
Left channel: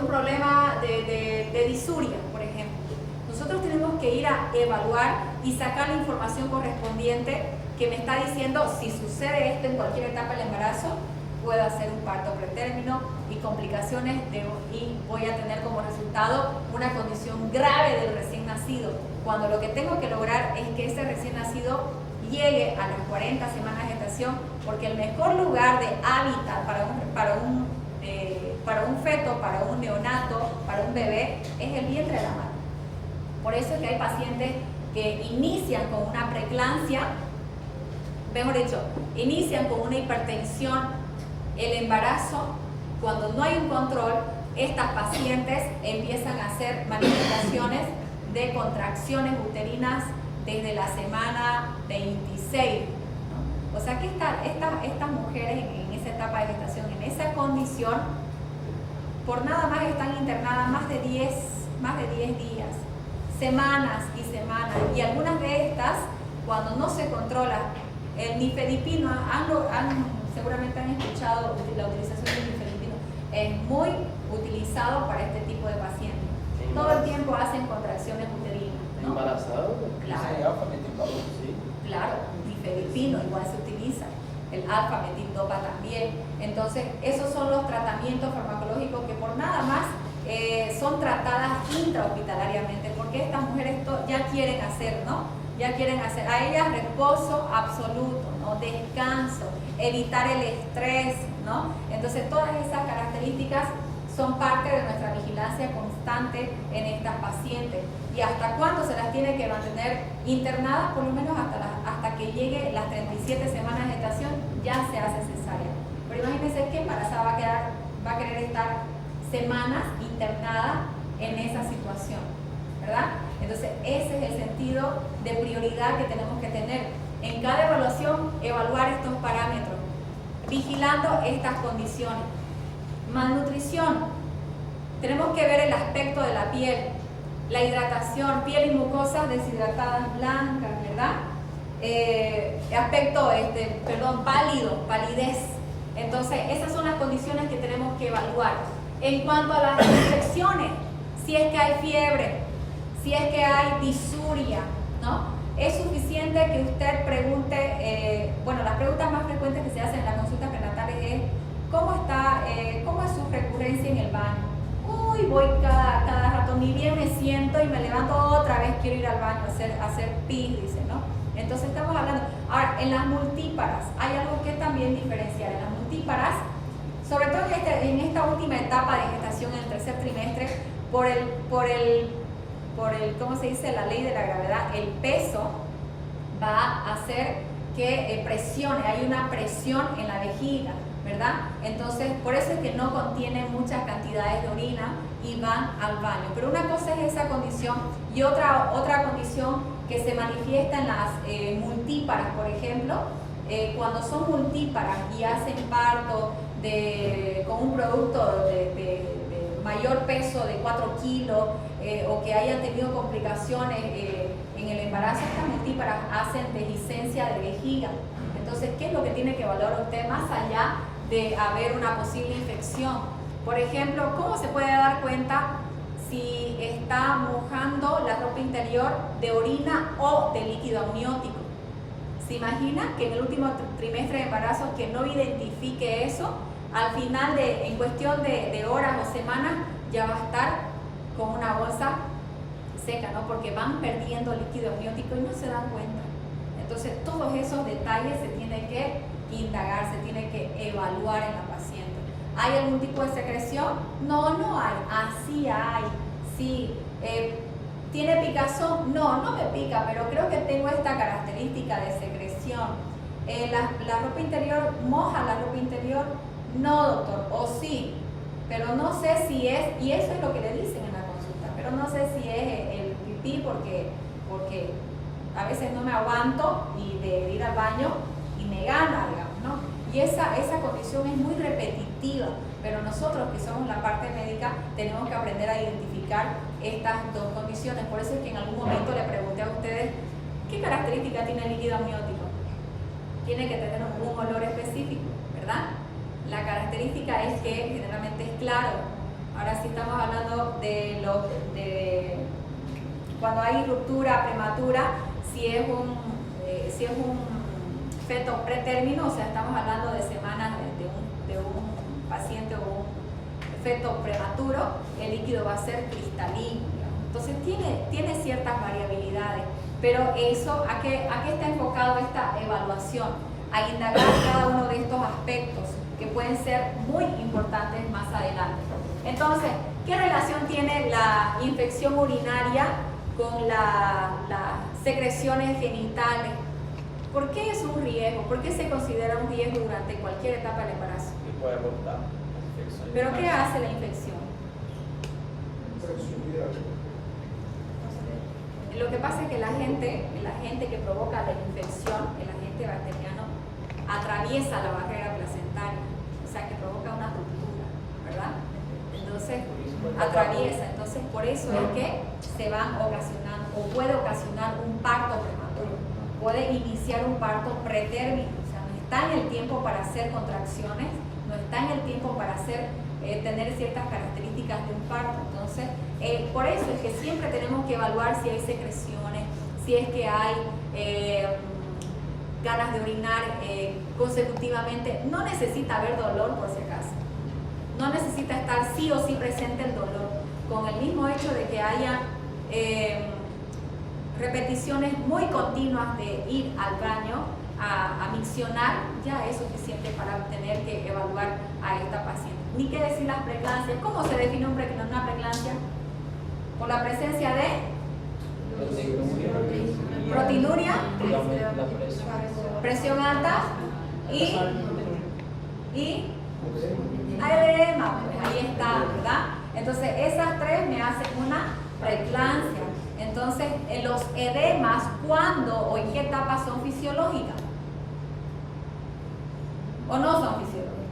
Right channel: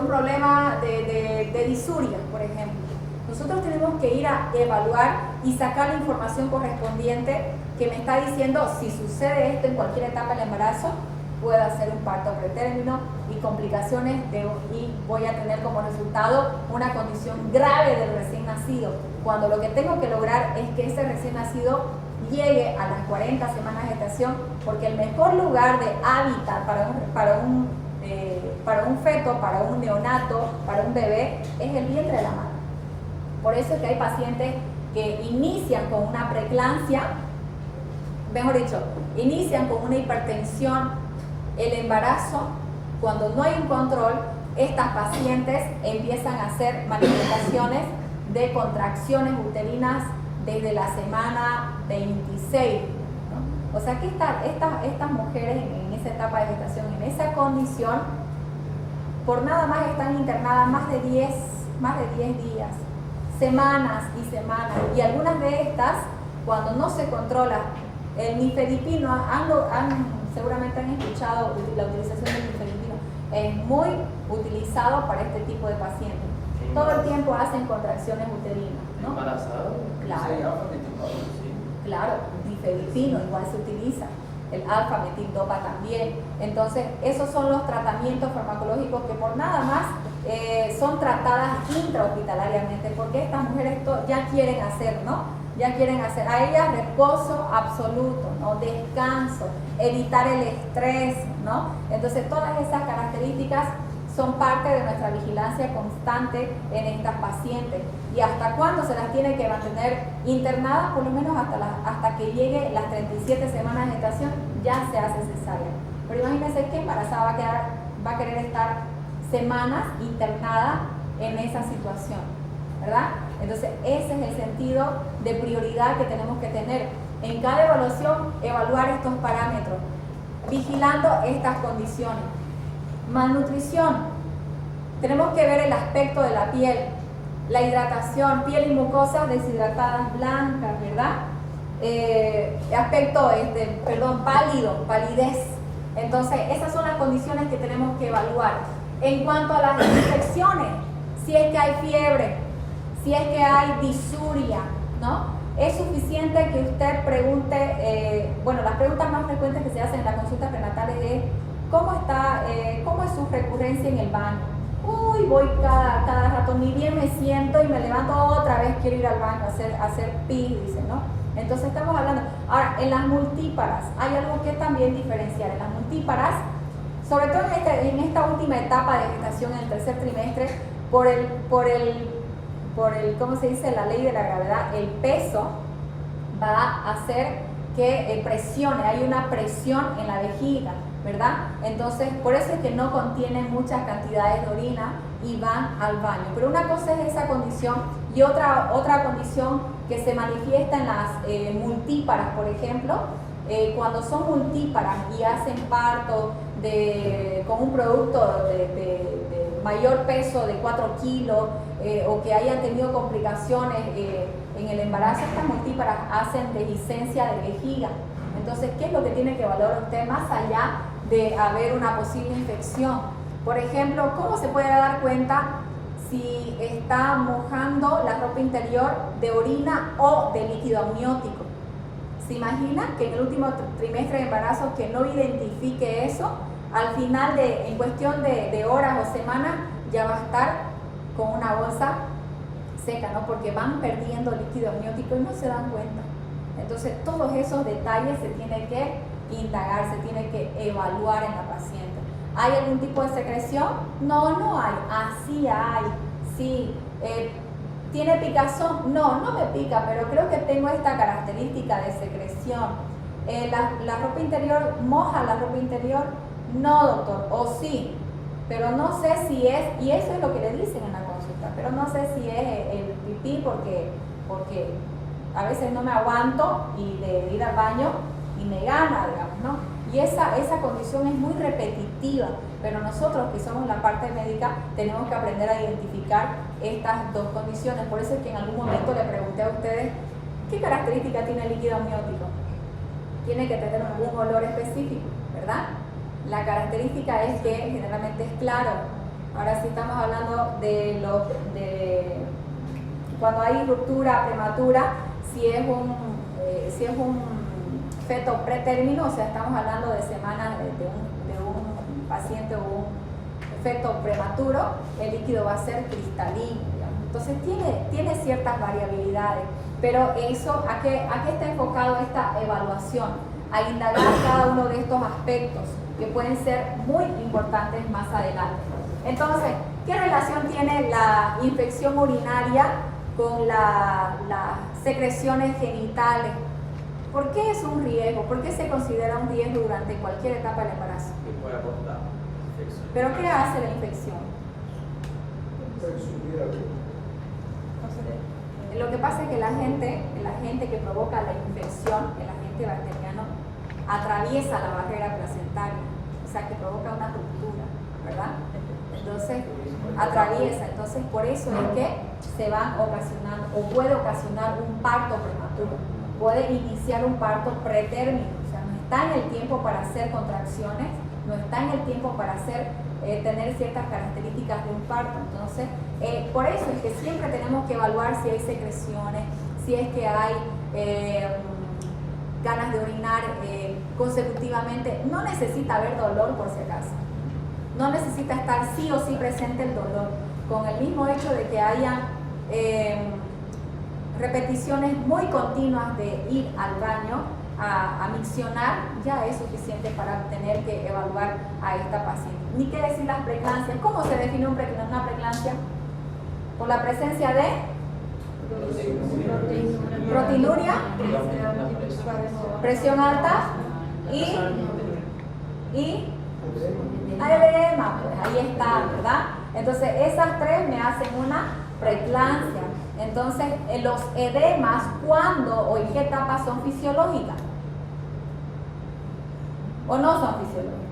problema de disuria, por ejemplo. Nosotros tenemos que ir a evaluar y sacar la información correspondiente que me está diciendo si sucede esto en cualquier etapa del embarazo, pueda ser un parto pretérmino y complicaciones y voy a tener como resultado una condición grave del recién nacido, cuando lo que tengo que lograr es que ese recién nacido llegue a las 40 semanas de gestación, porque el mejor lugar de hábitat para un feto, para un neonato, para un bebé, es el vientre de la madre. Por eso es que hay pacientes que inician con una preeclampsia, mejor dicho, inician con una hipertensión, el embarazo, cuando no hay un control, estas pacientes empiezan a hacer manifestaciones de contracciones uterinas desde la semana 26, ¿no? O sea que estas mujeres en esa etapa de gestación, en esa condición, por nada más están internadas más de 10 días, semanas y semanas, y algunas de estas, cuando no se controla el nifedipino, seguramente han escuchado la utilización del nifedipino, es muy utilizado para este tipo de pacientes. Todo el tiempo hacen contracciones uterinas, ¿no? ¿Embarazado? Claro. Claro, nifedipino igual se utiliza, el alfa-metildopa también. Entonces, esos son los tratamientos farmacológicos que por nada más son tratadas intrahospitalariamente, porque estas mujeres ya quieren hacer, ¿no? Ya quieren hacer, a ellas reposo absoluto, ¿no? Descanso, evitar el estrés, ¿no? Entonces, todas esas características son parte de nuestra vigilancia constante en estas pacientes. ¿Y hasta cuándo se las tiene que mantener internadas? Por lo menos hasta que llegue las 37 semanas de gestación, ya se hace cesárea. Pero imagínense que embarazada va a querer estar semanas internada en esa situación, ¿verdad? Entonces, ese es el sentido de prioridad que tenemos que tener. En cada evaluación, evaluar estos parámetros, vigilando estas condiciones. Malnutrición. Tenemos que ver el aspecto de la piel, la hidratación, piel y mucosas deshidratadas blancas, ¿verdad? Aspecto, pálido, palidez. Entonces, esas son las condiciones que tenemos que evaluar. En cuanto a las infecciones, si es que hay fiebre, si es que hay disuria, ¿no? Es suficiente que usted pregunte, las preguntas más frecuentes que se hacen en las consultas prenatales es ¿cómo es su recurrencia en el baño? Uy, voy cada rato, ni bien me siento y me levanto otra vez, quiero ir al baño a hacer pis, dice, ¿no? Entonces estamos hablando. Ahora, en las multíparas, hay algo que también diferenciar. En las multíparas, sobre todo en esta última etapa de gestación, en el tercer trimestre, por el ¿cómo se dice? La ley de la gravedad, el peso va a hacer que presione, hay una presión en la vejiga, ¿verdad? Entonces, por eso es que no contienen muchas cantidades de orina y van al baño. Pero una cosa es esa condición y otra condición que se manifiesta en las multíparas, por ejemplo, cuando son multíparas y hacen parto con un producto de mayor peso de 4 kilos o que hayan tenido complicaciones en el embarazo, estas multíparas hacen dehiscencia de vejiga. Entonces, ¿qué es lo que tiene que valorar usted más allá de haber una posible infección? Por ejemplo, ¿cómo se puede dar cuenta si está mojando la ropa interior de orina o de líquido amniótico? ¿Se imagina que en el último trimestre de embarazo que no identifique eso, al final en cuestión de horas o semanas ya va a estar con una bolsa seca, ¿no? Porque van perdiendo líquido amniótico y no se dan cuenta. Entonces, todos esos detalles se tienen que indagar, se tiene que evaluar en la paciente. ¿Hay algún tipo de secreción? No hay. Así hay. Sí. ¿Tiene picazón? No me pica, pero creo que tengo esta característica de secreción. ¿La ropa interior moja la ropa interior? No, doctor. O sí, pero no sé si es, y eso es lo que le dicen en la consulta, pero no sé si es el pipí porque a veces no me aguanto y de ir al baño y me gana, digamos, ¿no? Y esa condición es muy repetitiva, pero nosotros que somos la parte médica tenemos que aprender a identificar estas dos condiciones. Por eso es que en algún momento le pregunté a ustedes ¿Qué característica tiene el líquido amniótico? Tiene que tener un olor específico, ¿verdad? La característica es que generalmente es claro. Ahora sí estamos hablando de cuando hay ruptura prematura, si es un feto pretérmino, o sea, estamos hablando de semanas de un paciente o un feto prematuro, el líquido va a ser cristalino, digamos. Entonces tiene ciertas variabilidades, pero eso, ¿a qué está enfocado esta evaluación? A indagar cada uno de estos aspectos que pueden ser muy importantes más adelante. Entonces, ¿qué relación tiene la infección urinaria con las secreciones genitales? ¿Por qué es un riesgo? ¿Por qué se considera un riesgo durante cualquier etapa del embarazo? ¿Pero qué hace la infección? Lo que pasa es que el agente que provoca la infección, el agente bacteriano, atraviesa la barrera placentaria, o sea que provoca una ruptura, ¿verdad? Entonces, atraviesa, entonces por eso es que se van ocasionando, o puede ocasionar un parto prematuro, puede iniciar un parto pretérmino, o sea, no está en el tiempo para hacer contracciones, no está en el tiempo para tener ciertas características de un parto. Entonces, por eso es que siempre tenemos que evaluar si hay secreciones, si es que hay ganas de orinar consecutivamente. No necesita haber dolor, por si acaso. No necesita estar sí o sí presente el dolor. Con el mismo hecho de que haya repeticiones muy continuas de ir al baño a miccionar, ya es suficiente para tener que evaluar a esta paciente. Ni qué decir las pregnancias. ¿Cómo se define una pregnancia? Por la presencia de proteinuria, presión alta y edema, pues ahí está, ¿verdad? Entonces esas tres me hacen una preeclampsia. Entonces los edemas, ¿cuándo o en qué etapa son fisiológicas? ¿O no son fisiológicas?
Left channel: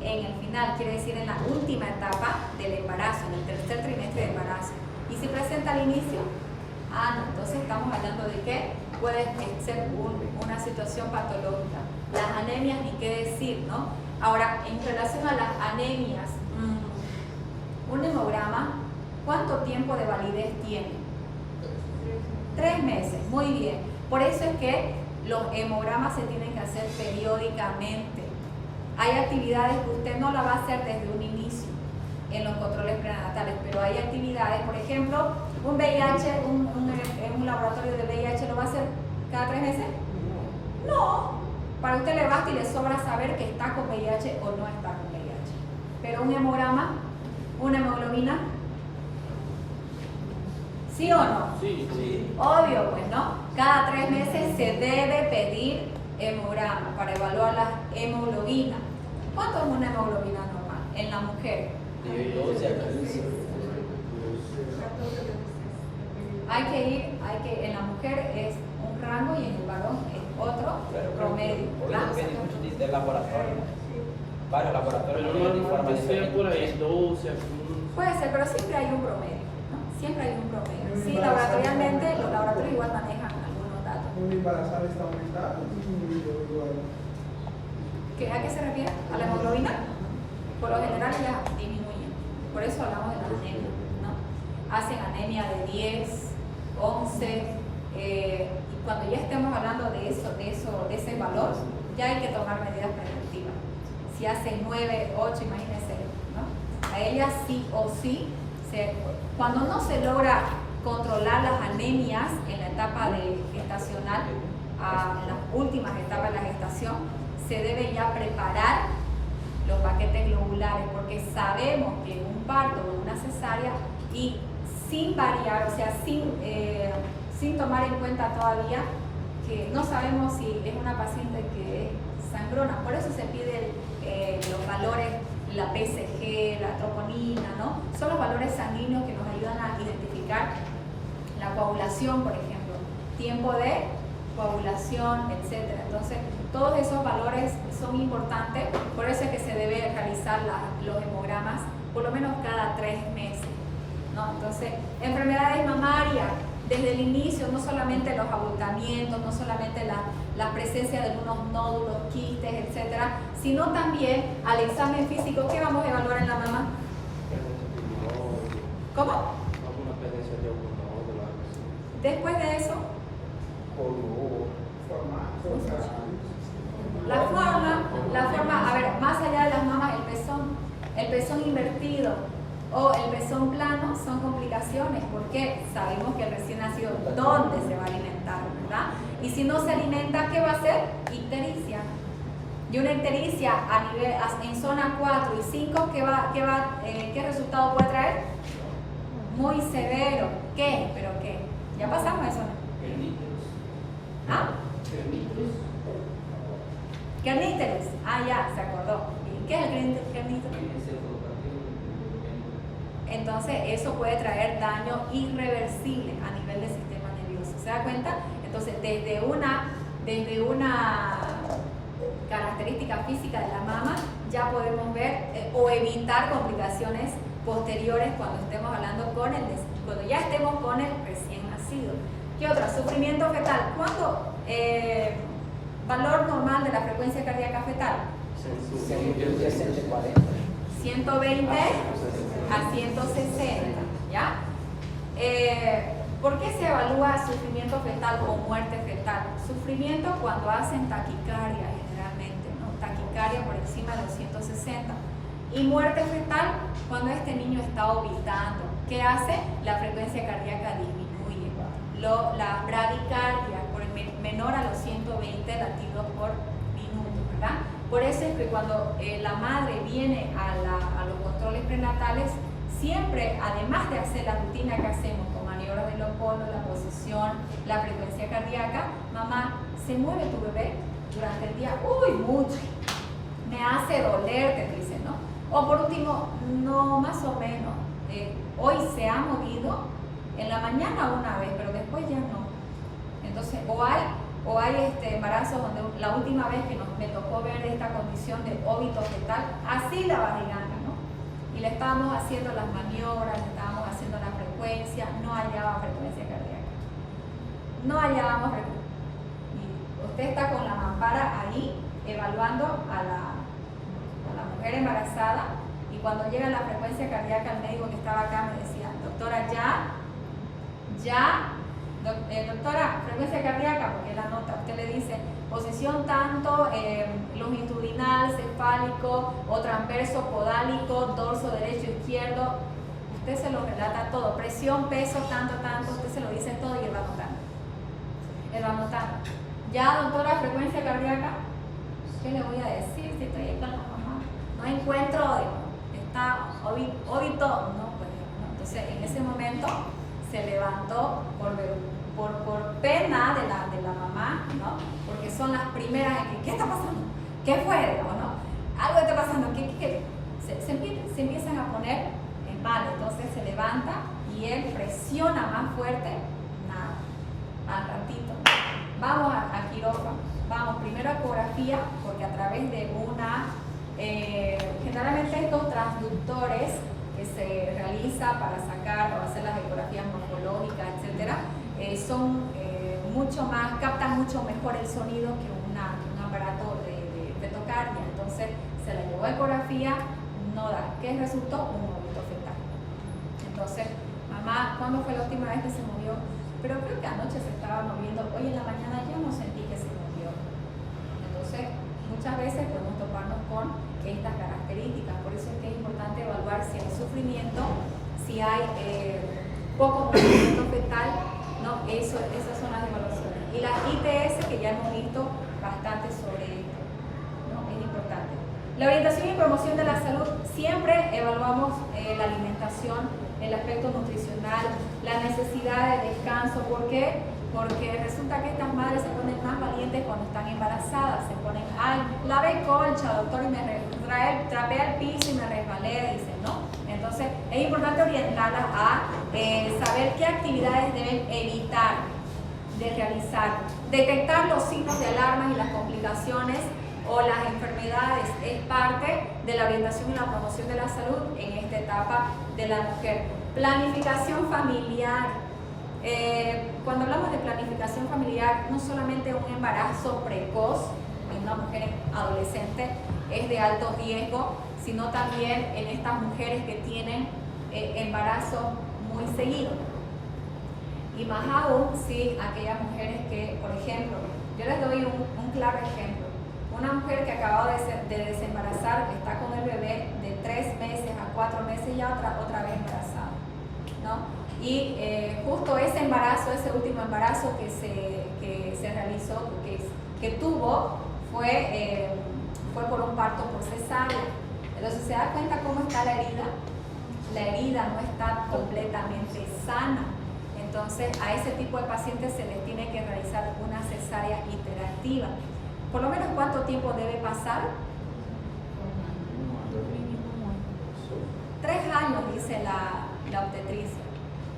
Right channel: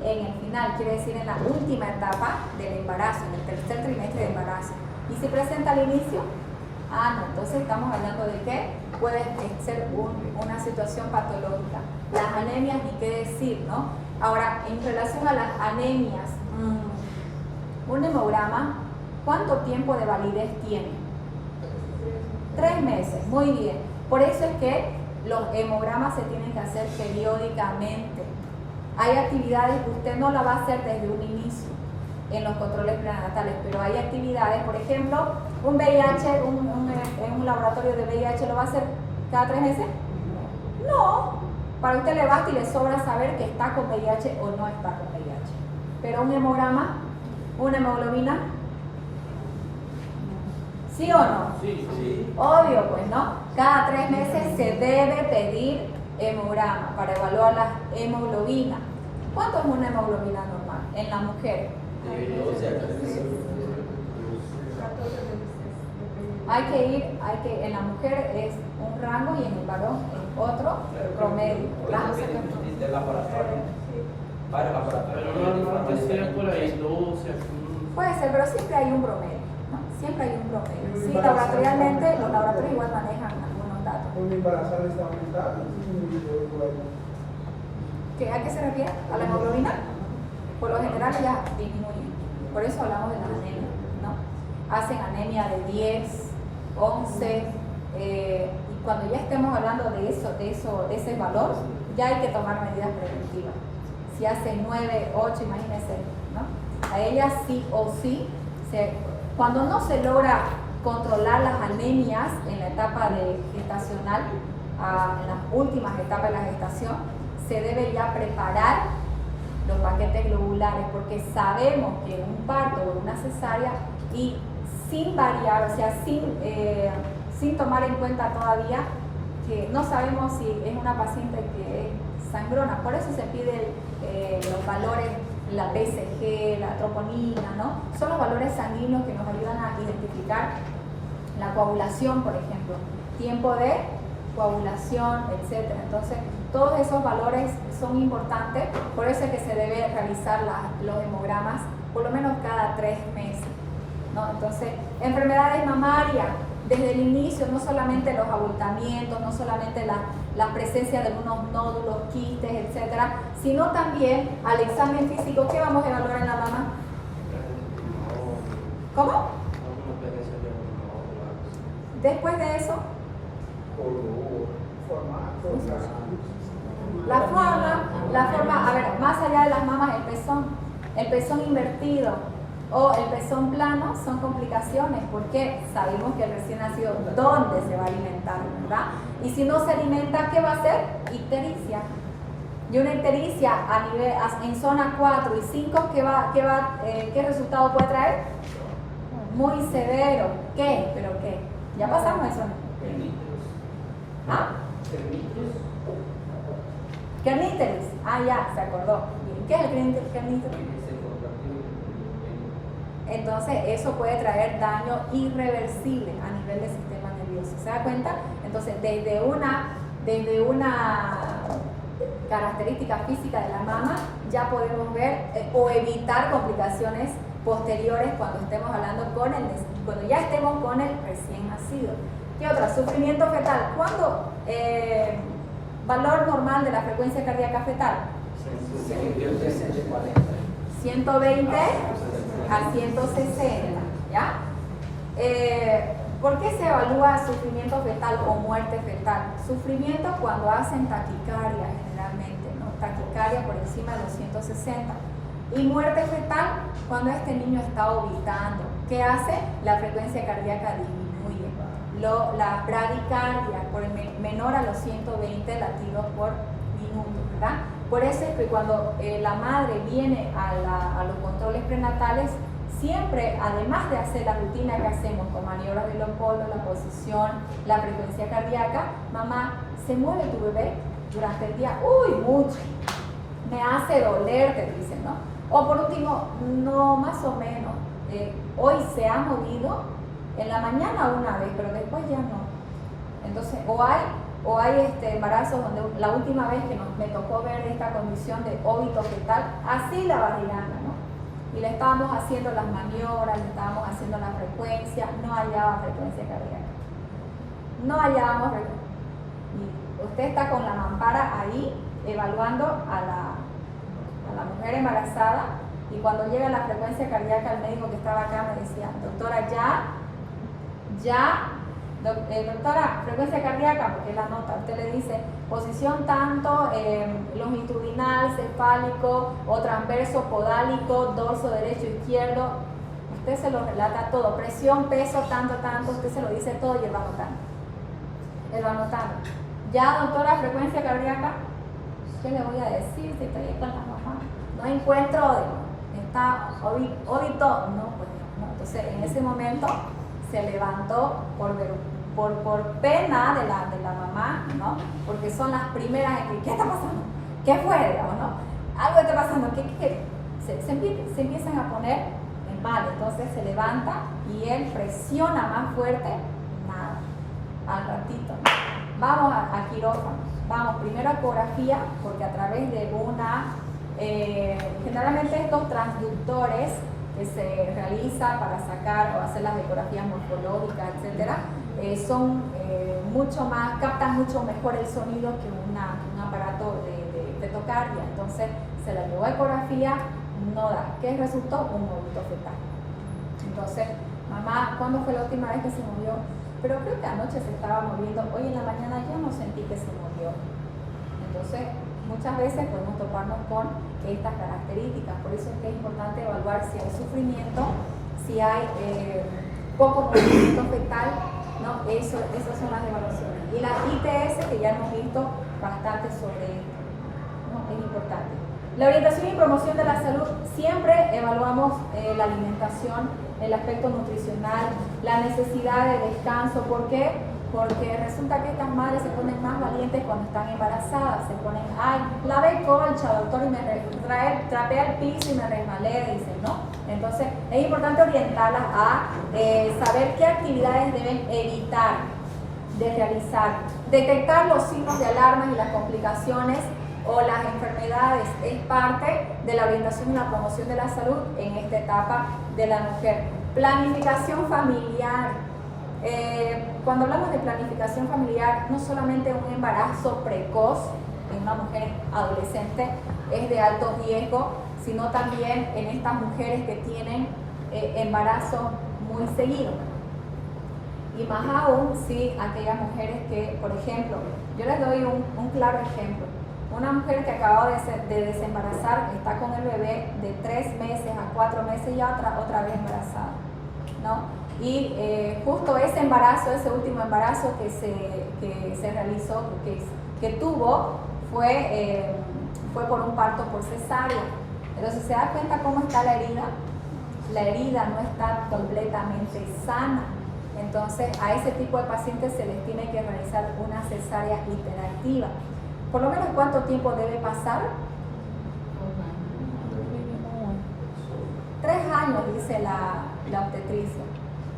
En el final, quiere decir en la última etapa del embarazo, en el tercer trimestre de embarazo. ¿Y si presenta al inicio? No, entonces estamos hablando de que puede ser una situación patológica. Las anemias, ni qué decir, ¿no? Ahora, en relación a las anemias, un hemograma, ¿cuánto tiempo de validez tiene? 3 meses, muy bien. Por eso es que los hemogramas se tienen que hacer periódicamente. Hay actividades que usted no la va a hacer desde un inicio en los controles prenatales, pero hay actividades, por ejemplo, un VIH, un laboratorio de VIH, ¿lo va a hacer cada 3 meses? No, para usted le basta y le sobra saber que está con VIH o no está con VIH. Pero un hemograma, una hemoglobina, ¿sí o no? Sí. Obvio, pues no. Cada 3 meses se debe pedir hemograma para evaluar la hemoglobina. ¿Cuánto es una hemoglobina normal en la mujer? En la mujer es un rango y en el varón es otro promedio. Del laboratorio. Varios laboratorios. Puede ser, pero siempre hay un promedio, ¿no? Siempre hay un promedio. Sí, laboratorialmente, los laboratorios igual manejan algunos datos. ¿A qué se refiere? ¿A la hemoglobina? Por lo general ya disminuye. Por eso hablamos de la anemia, ¿no? Hacen anemia de 10, 11, y cuando ya estemos hablando de ese valor, ya hay que tomar medidas preventivas. Si hace 9, 8, imagínense, ¿no? A ella sí o sí, cuando no se logra controlar las anemias en la etapa gestacional, en las últimas etapas de la gestación, se debe ya preparar los paquetes globulares, porque sabemos que un parto o una cesárea, y sin variar, o sea, sin tomar en cuenta todavía que no sabemos si es una paciente que es sangrona, por eso se pide los valores, la BCG, la troponina, ¿no? Son los valores sanguíneos que nos ayudan a identificar la coagulación, por ejemplo, tiempo de coagulación, etc. Entonces, todos esos valores son importantes, por eso es que se debe realizar los hemogramas por lo menos cada 3 meses, ¿no? Entonces, Enfermedades mamarias, desde el inicio, no solamente los abultamientos, no solamente la presencia de algunos nódulos, quistes, etcétera, sino también al examen físico. ¿Qué vamos a evaluar en la mama? ¿Cómo? Después de eso, la forma, a ver, más allá de las mamas, el pezón invertido o el pezón plano son complicaciones porque sabemos que el recién nacido, ¿dónde se va a alimentar? ¿Verdad? Y si no se alimenta, ¿qué va a hacer? Ictericia. Y una ictericia a nivel, en zona 4 y 5, ¿qué resultado puede traer? Muy severo. ¿Qué? ¿Pero qué? Ya pasamos eso, ¿no? ¿Ah? Kerníteres. Ah, ya, se acordó. ¿Qué es el kerníteres? Entonces, eso puede traer daño irreversible a nivel del sistema nervioso. ¿Se da cuenta? Entonces, desde una característica física de la mama, ya podemos ver o evitar complicaciones posteriores cuando estemos hablando cuando ya estemos con el recién nacido. ¿Qué otra? Sufrimiento fetal. ¿Cuándo? Valor normal de la frecuencia cardíaca fetal. 120 a 160, ¿ya? ¿Por qué se evalúa sufrimiento fetal o muerte fetal? Sufrimiento cuando hacen taquicardia generalmente, ¿no? Taquicardia por encima de los 160. Y muerte fetal cuando este niño está orbitando. ¿Qué hace? La frecuencia cardíaca disminuye. La bradicardia menor a los 120 latidos por minuto, ¿verdad? Por eso es que cuando la madre viene a los controles prenatales, siempre, además de hacer la rutina que hacemos con maniobras de Leopoldo, la posición, la frecuencia cardíaca, mamá, ¿se mueve tu bebé durante el día? Uy, mucho. Me hace doler, te dicen, ¿no? O por último, no, más o menos. Hoy se ha movido en la mañana una vez, pero después ya no. Entonces, o hay embarazos donde la última vez que me tocó ver esta condición de óbito fetal, así la barriga, ¿no? Y le estábamos haciendo las maniobras, le estábamos haciendo la frecuencia, no hallaba frecuencia cardíaca. No hallábamos frecuencia. Y usted está con la mampara ahí, evaluando a la mujer embarazada, y cuando llega la frecuencia cardíaca, el médico que estaba acá me decía, doctora, doctora, frecuencia cardíaca, porque la nota, usted le dice posición tanto, longitudinal, cefálico o transverso podálico, dorso derecho, izquierdo, usted se lo relata todo, presión, peso, tanto, usted se lo dice todo y él va anotando. Él va anotando. Ya, doctora, frecuencia cardíaca, ¿qué le voy a decir si estoy aquí con la mamá? No encuentro, digo, está óbito, no, pues no. Entonces, en ese momento se levantó por pena de la mamá, ¿no? Porque son las primeras en que, ¿qué está pasando? ¿Qué fue? ¿O no? Algo está pasando, ¿qué? Se empiezan a poner en mal, entonces se levanta y él presiona más fuerte, nada, al ratito, ¿no? Vamos a quirófano, vamos primero a ecografía, porque a través de generalmente estos transductores que se realiza para sacar o hacer las ecografías morfológicas, etcétera, captan mucho mejor el sonido que un aparato de fetocardia. Entonces se la llevó a ecografía, no da. ¿Qué resultó? Un óbito fetal. Entonces, mamá, ¿cuándo fue la última vez que se movió? Pero creo que anoche se estaba moviendo, hoy en la mañana yo no sentí que se movió. Entonces, muchas veces podemos toparnos con estas características, por eso es que es importante evaluar si hay sufrimiento, si hay poco movimiento fetal, ¿no? Esas son las evaluaciones. Y la ITS, que ya hemos visto bastante sobre esto, ¿no? Es importante. La orientación y promoción de la salud, siempre evaluamos la alimentación, el aspecto nutricional, la necesidad de descanso. ¿Por qué? Porque resulta que estas madres se ponen más valientes cuando están embarazadas, se ponen, ay, lavé colcha, doctor, y me trapea el piso y me resbalé, dicen, ¿no? Entonces, es importante orientarlas a saber qué actividades deben evitar de realizar, detectar los signos de alarma y las complicaciones o las enfermedades, es parte de la orientación y la promoción de la salud en esta etapa de la mujer. Planificación familiar. Cuando hablamos de planificación familiar, no solamente un embarazo precoz en una mujer adolescente es de alto riesgo, sino también en estas mujeres que tienen embarazo muy seguido. Y más aún si aquellas mujeres que, por ejemplo, yo les doy un claro ejemplo. Una mujer que acaba de desembarazar, está con el bebé de 3 meses a 4 meses y otra vez embarazada, ¿no? Y justo ese embarazo, ese último embarazo que se realizó, que tuvo, fue por un parto por cesárea. Entonces se da cuenta cómo está la herida. La herida no está completamente sana. Entonces a ese tipo de pacientes se les tiene que realizar una cesárea iterativa. Por lo menos, ¿cuánto tiempo debe pasar? 3 años, dice la obstetricia.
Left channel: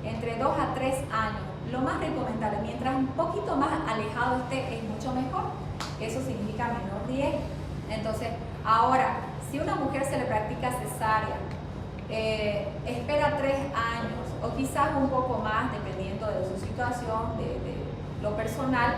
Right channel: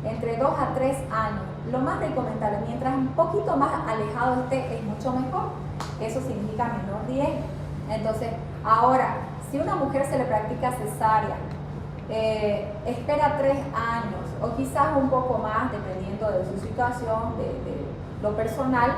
Entre 2 a 3 años. Lo más recomendable, mientras un poquito más alejado esté, es mucho mejor. Eso significa menor riesgo. Entonces, ahora, si una mujer se le practica cesárea, espera 3 años o quizás un poco más, dependiendo de su situación, de lo personal,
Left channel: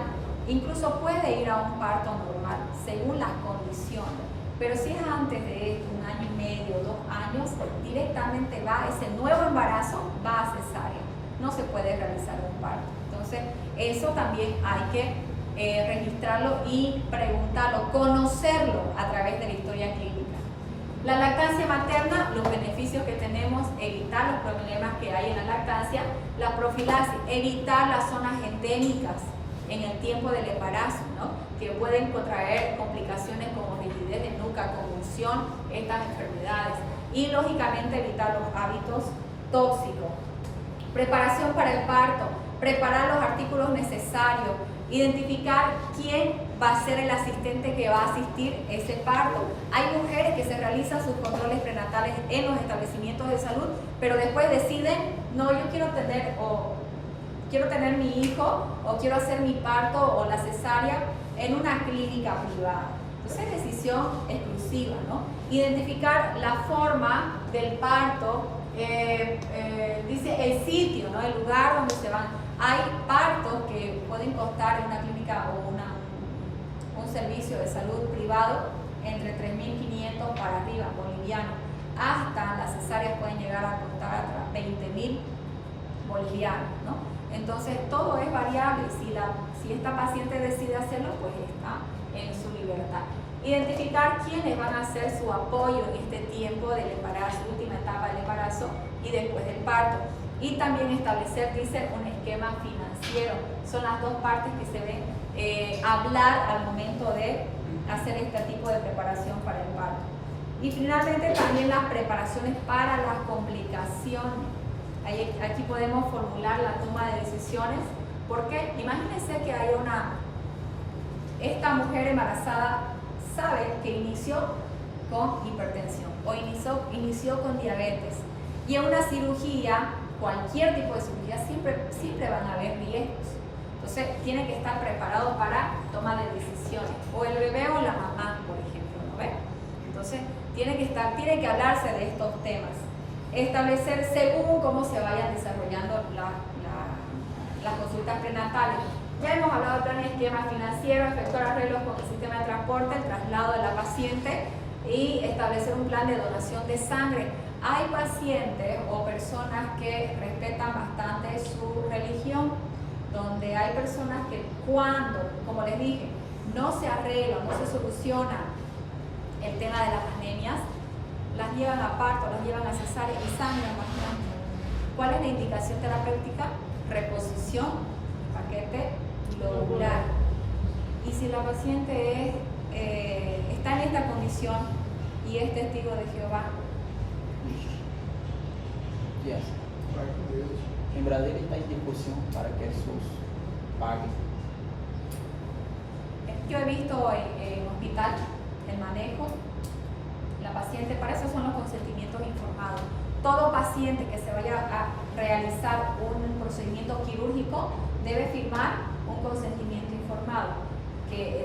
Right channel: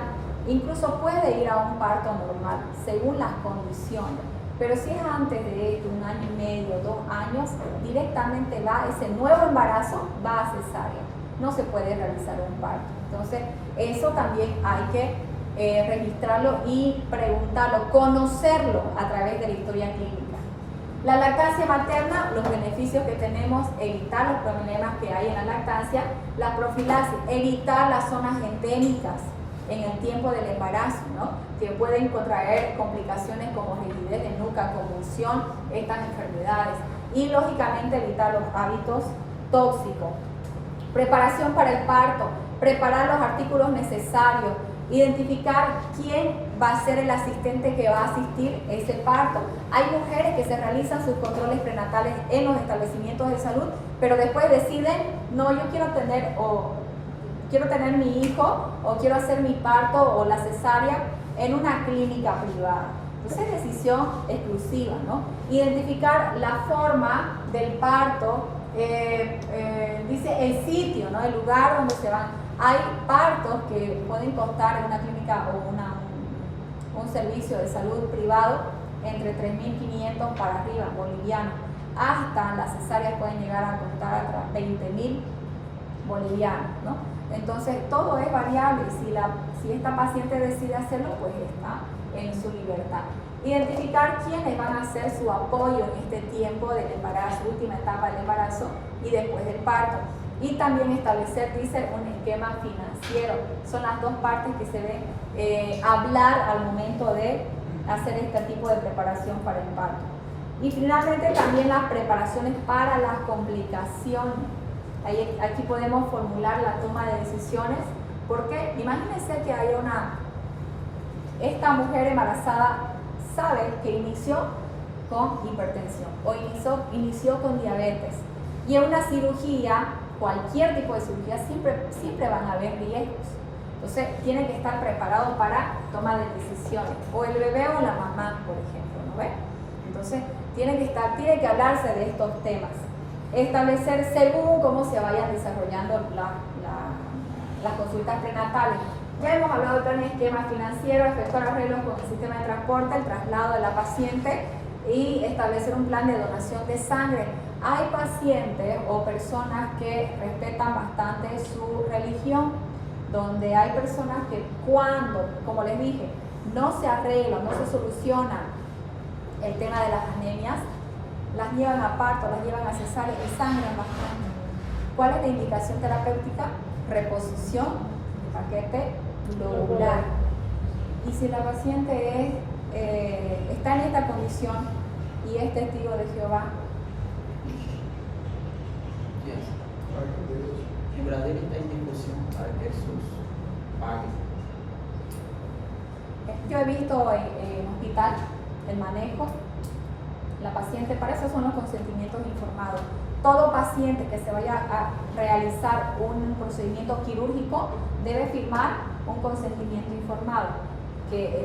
incluso puede ir a un parto normal, según las condiciones. Pero si es antes de esto, 1 año y medio, 2 años, directamente va, ese nuevo embarazo va a cesárea. No se puede realizar un parto. Entonces, eso también hay que registrarlo y preguntarlo, conocerlo a través de la historia clínica. La lactancia materna, los beneficios que tenemos, evitar los problemas que hay en la lactancia. La profilaxis, evitar las zonas endémicas en el tiempo del embarazo, ¿no? Que pueden contraer complicaciones como rigidez de nuca, convulsión, estas enfermedades. Y lógicamente evitar los hábitos tóxicos. Preparación para el parto, preparar los artículos necesarios, identificar quién va a ser el asistente que va a asistir ese parto. Hay mujeres que se realizan sus controles prenatales en los establecimientos de salud, pero después deciden, no, yo quiero tener mi hijo o quiero hacer mi parto o la cesárea en una clínica privada. Entonces es decisión exclusiva, ¿no? Identificar la forma del parto, dice el sitio, ¿no? El lugar donde se van. Hay partos que pueden costar en una clínica o un servicio de salud privado entre 3.500 para arriba, bolivianos. Hasta las cesáreas pueden llegar a costar hasta 20.000 bolivianos, ¿no? Entonces todo es variable y si esta paciente decide hacerlo, pues está en su libertad. Identificar quiénes van a hacer su apoyo en este tiempo del embarazo, última etapa del embarazo y después del parto. Y también establecer, dice, un esquema financiero. Son las dos partes que se deben hablar al momento de hacer este tipo de preparación para el parto. Y finalmente también las preparaciones para las complicaciones. Aquí podemos formular la toma de decisiones, porque imagínense que hay esta mujer embarazada sabe que inició con hipertensión o inició con diabetes, y en una cirugía, cualquier tipo de cirugía, siempre van a haber riesgos. Entonces tiene que estar preparado para toma de decisiones, o el bebé o la mamá, por ejemplo, ¿no ve? Entonces tiene que hablarse de estos temas. Establecer según cómo se vayan desarrollando las consultas prenatales. Ya hemos hablado del plan de esquema financiero, efectuar arreglos con el sistema de transporte, el traslado de la paciente y establecer un plan de donación de sangre. Hay pacientes o personas que respetan bastante su religión, donde hay personas que cuando, como les dije, no se arregla, no se soluciona el tema de las anemias, las llevan a parto, las llevan a cesárea y sangran bastante. ¿Cuál es la indicación terapéutica? Reposición, paquete lobular. Y si la paciente está en esta condición y es testigo de Jehová. Yes. En Brasil hay discusión para que Jesús pague. Yo he visto en hospital el manejo. La paciente, para eso son los consentimientos informados. Todo paciente que se vaya a realizar un procedimiento quirúrgico debe firmar un consentimiento informado,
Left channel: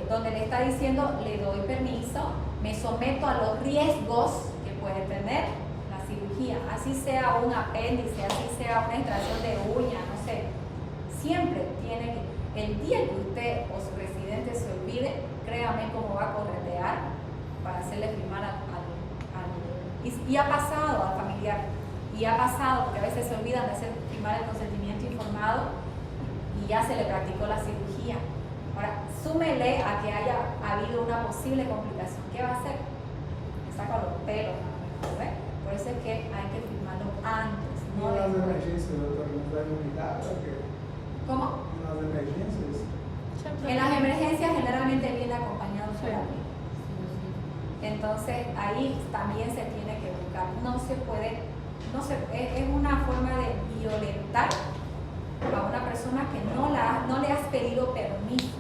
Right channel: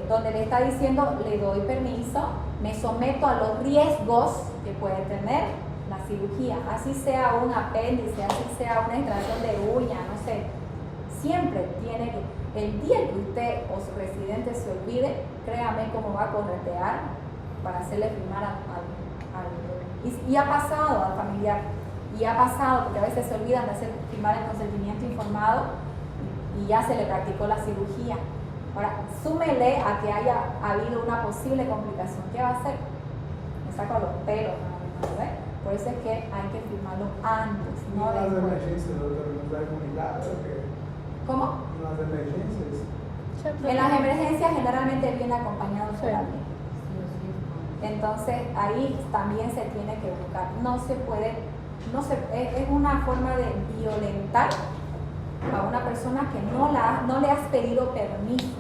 donde le está diciendo, le doy permiso, me someto a los riesgos que puede tener la cirugía, así sea un apéndice, así sea una extracción de uña, no sé, siempre tiene que, el día que usted o su residente se olvide, créame cómo va a corretear para hacerle firmar y ha pasado al familiar, y ha pasado porque a veces se olvidan de hacer firmar el consentimiento informado y ya se le practicó la cirugía. Ahora, súmele a que haya habido una posible complicación. ¿Qué va a hacer? Me saca los pelos, ¿no? ¿Ves? Por eso es que hay que firmarlo antes, no Las después. emergencias, doctor, trae un milagro que ¿Cómo? las emergencias. En las emergencias generalmente viene acompañado por alguien. Entonces ahí también se tiene que buscar. No se puede, es una forma de violentar a una persona que no le has pedido permiso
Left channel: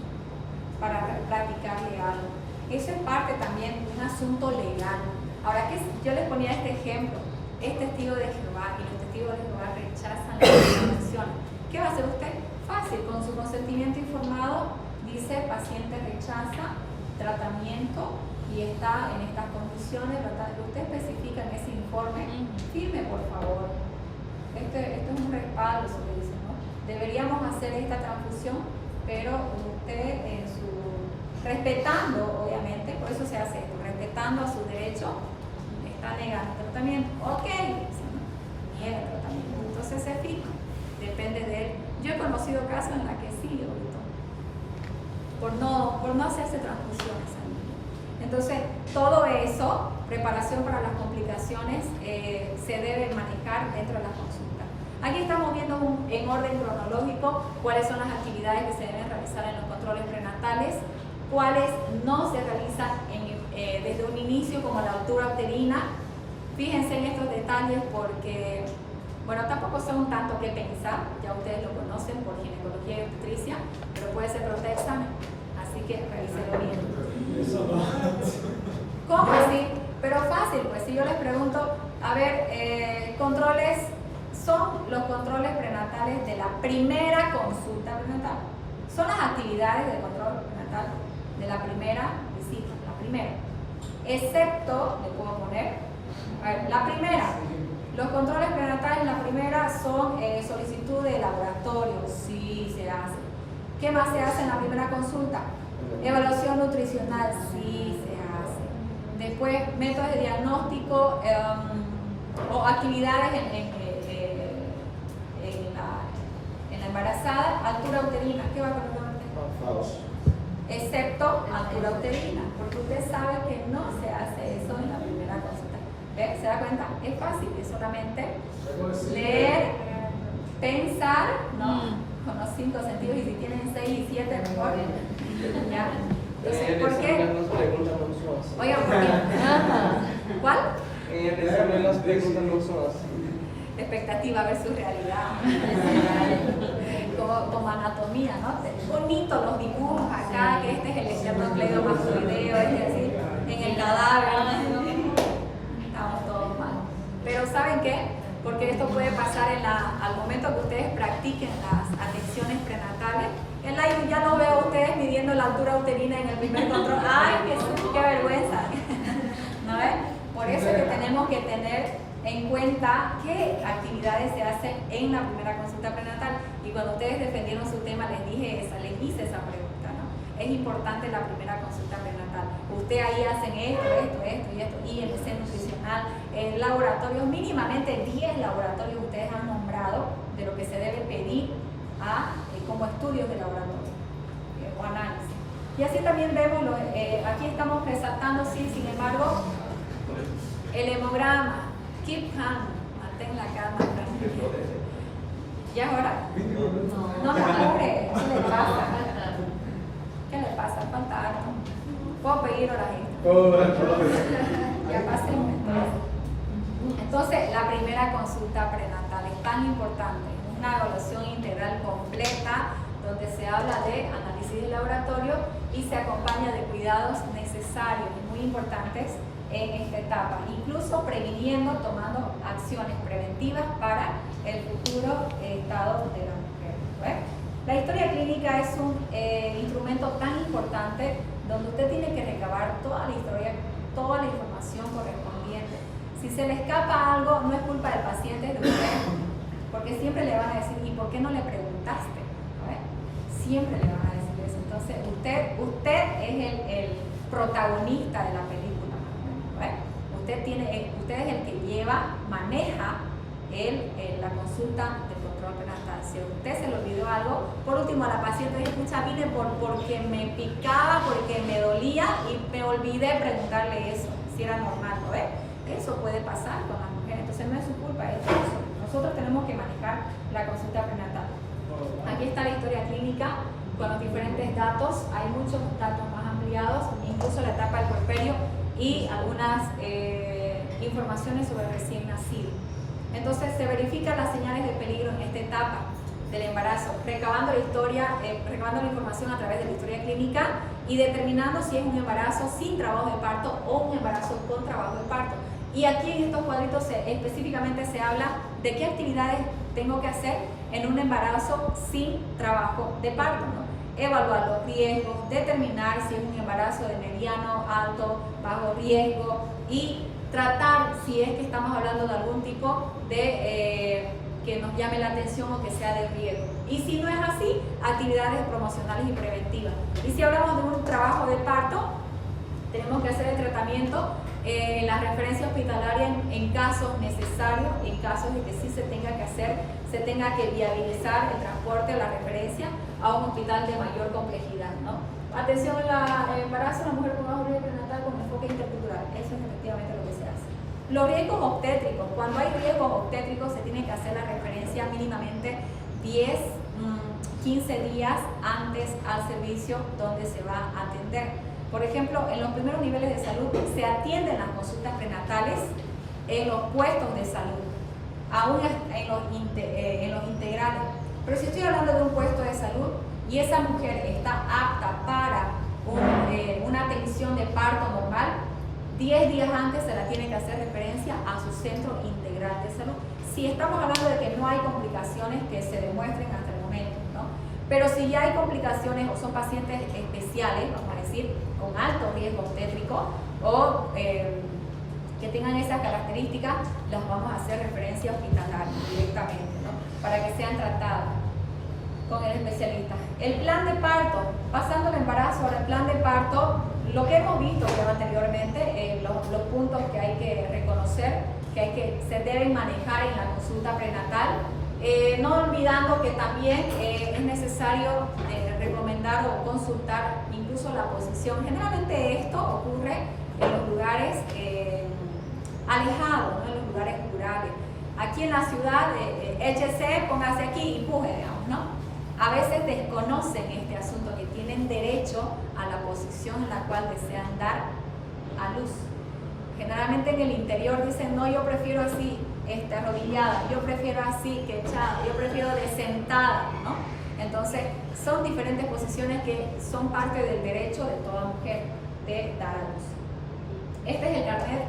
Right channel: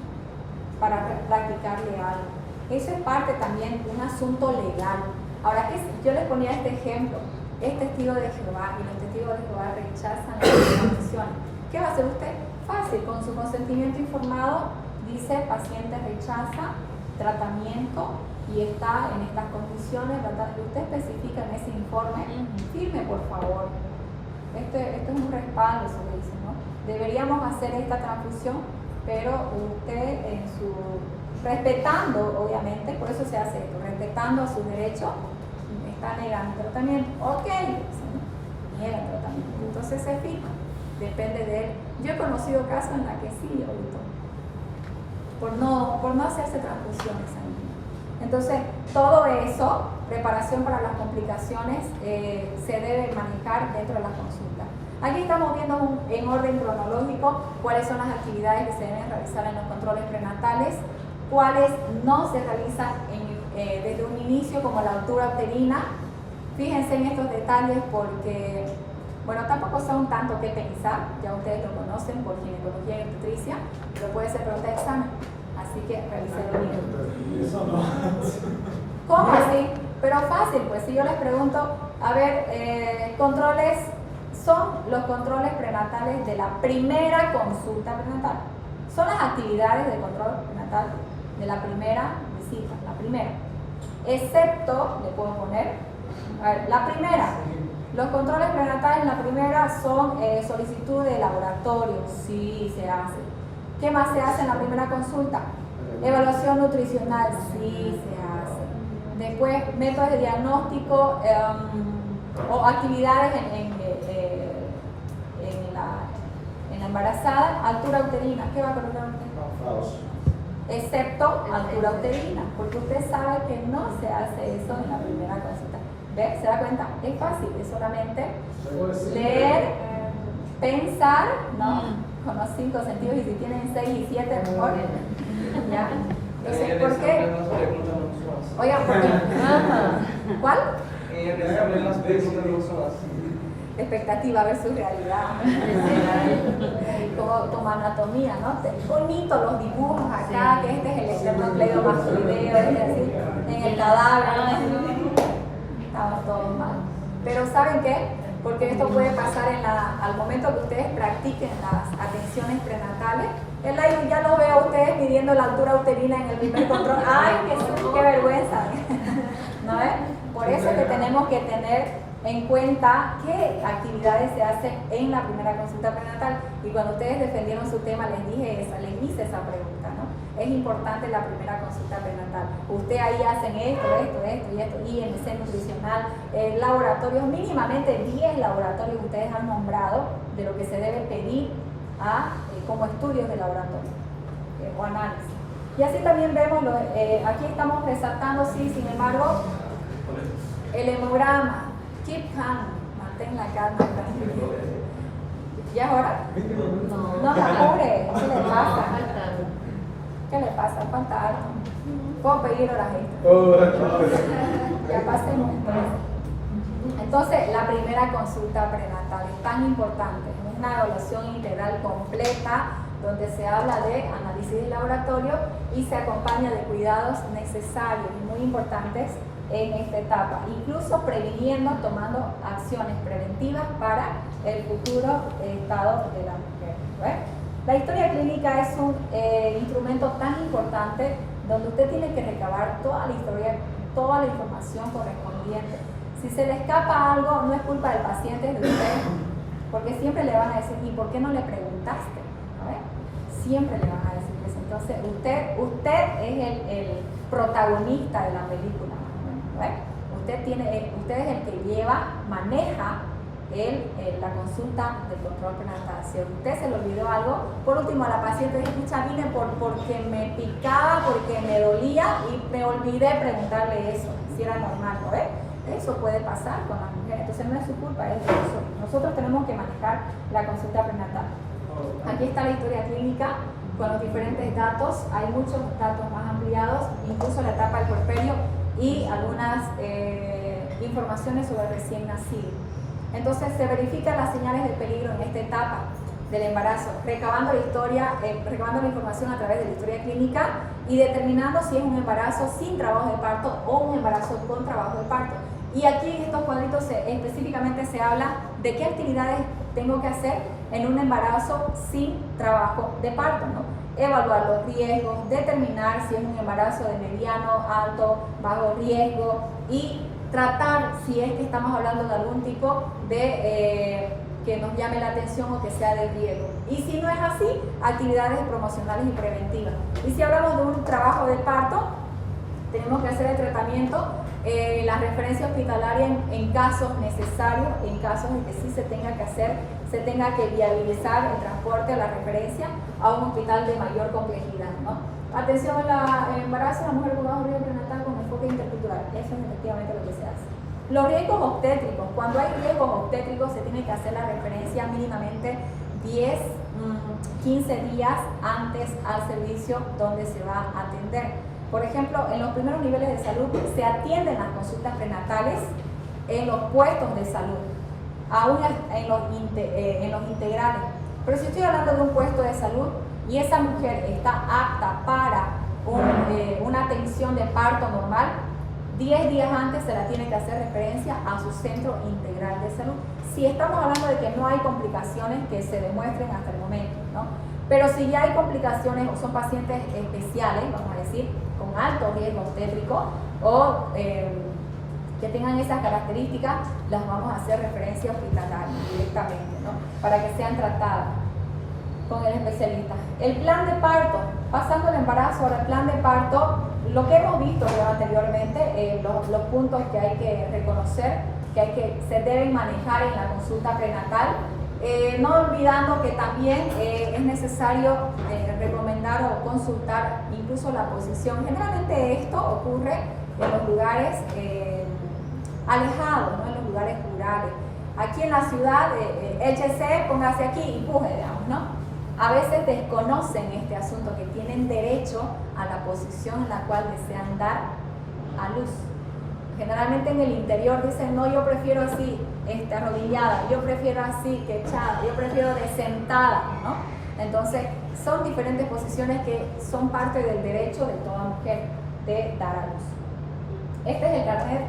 para practicarle algo. Eso es parte también de un asunto legal. Ahora que yo les ponía este ejemplo, es testigo de Jehová y los testigos de Jehová rechazan las informaciones. ¿Qué va a hacer usted? Fácil, con su consentimiento informado, dice paciente rechaza tratamiento y está en estas condiciones, usted especifica en ese informe, firme por favor. Esto es un respaldo, se le dice, ¿no? Deberíamos hacer esta transfusión, pero usted en su, respetando obviamente, por eso se hace esto, respetando a su derecho, está negando el tratamiento. Ok, niega el tratamiento, entonces se firma, depende de él. Yo he conocido casos en los que sí, ahorita, por no hacerse transfusiones. Entonces, todo eso, preparación para las complicaciones, se debe manejar dentro de las consultas. Aquí estamos viendo en orden cronológico cuáles son las actividades que se deben realizar en los controles prenatales, cuáles no se realizan desde un inicio, como la altura uterina. Fíjense en estos detalles porque, bueno, tampoco son tanto que pensar, ya ustedes lo conocen por ginecología y obstetricia, pero puede ser pregunta de examen, así que revísenlo bien. ¿Cómo así? Pero fácil, pues si yo les pregunto, a ver, controles, son los controles prenatales de la primera consulta prenatal. Son las actividades de control prenatal de la primera visita, la primera. Excepto, le puedo poner, a ver, la primera. Los controles prenatales en la primera son solicitud de laboratorio, sí se hace. ¿Qué más se hace en la primera consulta? Evaluación nutricional, sí se hace. Después, métodos de diagnóstico o actividades en la embarazada, altura uterina. ¿Qué va a poner usted? Excepto altura uterina, porque usted sabe que no se hace eso en la primera consulta. ¿Ve? ¿Se da cuenta? Es fácil, es solamente leer, pensar, ¿no? Con los 5 sentidos, y si tienen 6 y 7 mejor. ¿Ya? Entonces, ¿por qué? Oigan, ¿por qué? ¿Cuál? Expectativa versus realidad. Como anatomía, ¿no? Bonito los dibujos acá, que este es el esternocleidomastoideo, así, en el cadáver, ¿no? Estamos todos mal. Pero ¿saben qué? Porque esto puede pasar al momento que ustedes practiquen las atenciones prenatales. El aire ya lo veo a ustedes midiendo la altura uterina en el primer control. ¡Ay, qué vergüenza! ¿No es? Por eso es que tenemos que tener en cuenta qué actividades se hacen en la primera consulta prenatal. Y cuando ustedes defendieron su tema, les hice esa pregunta, ¿no? Es importante la primera consulta prenatal. Usted ahí hacen esto, IMC nutricional, laboratorios, mínimamente 10 laboratorios que ustedes han nombrado de lo que se debe pedir como estudios de laboratorio o análisis. Y así también vemos, aquí estamos resaltando, sí, sin embargo, el hemograma. Keep calm, mantén la calma, tranquila. ¿Ya es hora? No la apure, ¿qué le pasa? ¿Qué le pasa? Falta algo. Puedo pedir a la gente. Que pasemos entonces, la primera consulta prenatal es tan importante, es una evaluación integral completa donde se habla de análisis de laboratorio y se acompaña de cuidados necesarios y muy importantes en esta etapa, incluso previniendo, tomando acciones preventivas para el futuro estado de la mujer. ¿Ve? La historia clínica es un instrumento tan importante donde usted tiene que recabar toda la historia, toda la información correspondiente. Si se le escapa algo, no es culpa del paciente, es de usted, porque siempre le van a decir, ¿y por qué no le preguntaste? ¿No ve? Siempre le van a decir eso. Entonces, usted es el protagonista de la película, ¿no ve? Usted es el que maneja la consulta de control prenatal. Si a usted se le olvidó algo, por último a la paciente dice, escucha, vine porque me picaba, porque me dolía y me olvidé preguntarle eso, si era normal, ¿no ve? Eso puede pasar con las mujeres, entonces no es su culpa, es de nosotros. Nosotros tenemos que manejar la consulta prenatal. Aquí está la historia clínica con los diferentes datos, hay muchos datos más ampliados, incluso la etapa del puerperio y algunas informaciones sobre el recién nacido. Entonces se verifican las señales de peligro en esta etapa del embarazo, recabando la información a través de la historia clínica y determinando si es un embarazo sin trabajo de parto o un embarazo con trabajo de parto. Y aquí en estos cuadritos específicamente se habla de qué actividades tengo que hacer en un embarazo sin trabajo de parto, ¿no? Evaluar los riesgos, determinar si es un embarazo de mediano, alto, bajo riesgo y tratar si es que estamos hablando de algún tipo de que nos llame la atención o que sea de riesgo. Y si no es así, actividades promocionales y preventivas. Y si hablamos de un trabajo de parto, tenemos que hacer el tratamiento, la referencia hospitalaria en casos necesarios, en casos en que sí se tenga que hacer, se tenga que viabilizar el transporte o la referencia a un hospital de mayor complejidad, ¿no? Atención al embarazo de la mujer con bajo riesgo prenatal con enfoque intercultural. Eso es efectivamente lo que se hace. Los riesgos obstétricos. Cuando hay riesgos obstétricos se tiene que hacer la referencia mínimamente 10, 15 días antes al servicio donde se va a atender. Por ejemplo, en los primeros niveles de salud se atienden las consultas prenatales en los puestos de salud, aún en los integrales. Pero si estoy hablando de un puesto de salud y esa mujer está apta para una atención de parto normal, 10 días antes se la tiene que hacer referencia a su centro integral de salud. Si estamos hablando de que no hay complicaciones que se demuestren hasta el momento, ¿no? Pero si ya hay complicaciones o son pacientes especiales, vamos a decir, con alto riesgo obstétrico o que tengan esas características, las vamos a hacer referencia hospitalaria directamente, ¿no? Para que sean tratadas con el especialista. El plan de parto, pasando el embarazo al plan de parto, lo que hemos visto ya anteriormente, los puntos que hay que reconocer, se deben manejar en la consulta prenatal, no olvidando que también es necesario recomendar o consultar incluso la posición. Generalmente esto ocurre en los lugares alejados, ¿no? En los lugares rurales. Aquí en la ciudad, échese, póngase aquí, empuje, digamos, ¿no? A veces desconocen este asunto, que tienen derecho a la posición en la cual desean dar a luz. Generalmente en el interior dicen, no, yo prefiero así, arrodillada, yo prefiero así, que echada, yo prefiero de sentada, ¿no? Entonces, son diferentes posiciones que son parte del derecho de toda mujer de dar a luz. Este es el carnet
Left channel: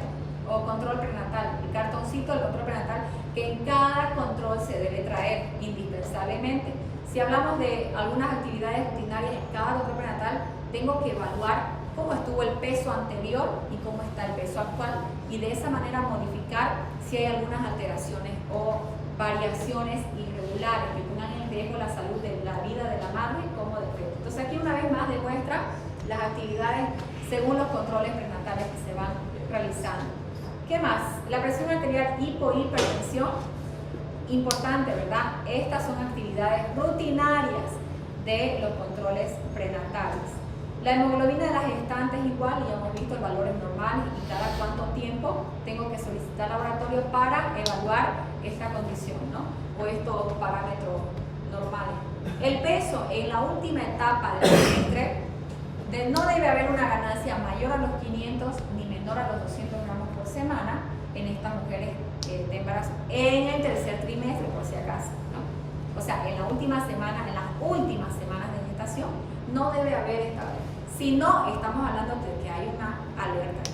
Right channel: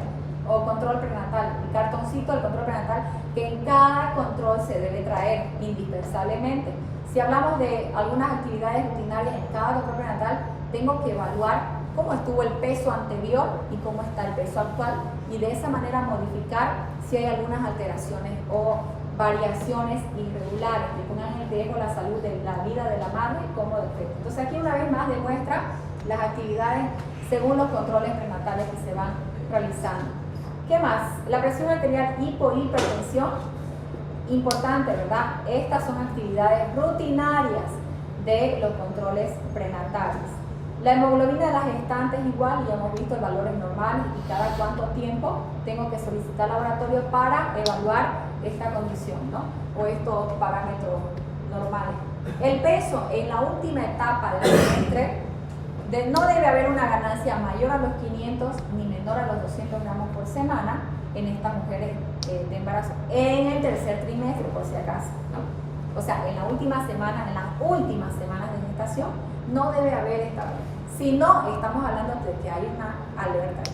o control prenatal, el cartoncito del control prenatal que en cada control se debe traer indispensablemente. Si hablamos de algunas actividades rutinarias en cada control prenatal, tengo que evaluar cómo estuvo el peso anterior y cómo está el peso actual, y de esa manera modificar si hay algunas alteraciones o variaciones irregulares que pongan en riesgo la salud de la vida de la madre como de feto. Entonces aquí una vez más demuestra las actividades según los controles prenatales que se van realizando. ¿Qué más? La presión arterial, hipohipertensión, importante, ¿verdad? Estas son actividades rutinarias de los controles prenatales. La hemoglobina de las gestantes igual, y ya hemos visto el valor es normal, y cada cuánto tiempo tengo que solicitar laboratorio para evaluar esta condición, ¿no? O estos parámetros normales. El peso en la última etapa del trimestre, no debe haber una ganancia mayor a los 500 ni menor a los 200 gramos por semana en estas mujeres de embarazo en el tercer trimestre, por si acaso, ¿no? O sea, en las últimas semanas de gestación no debe haber esta variación. Si no, estamos hablando de que hay una alerta.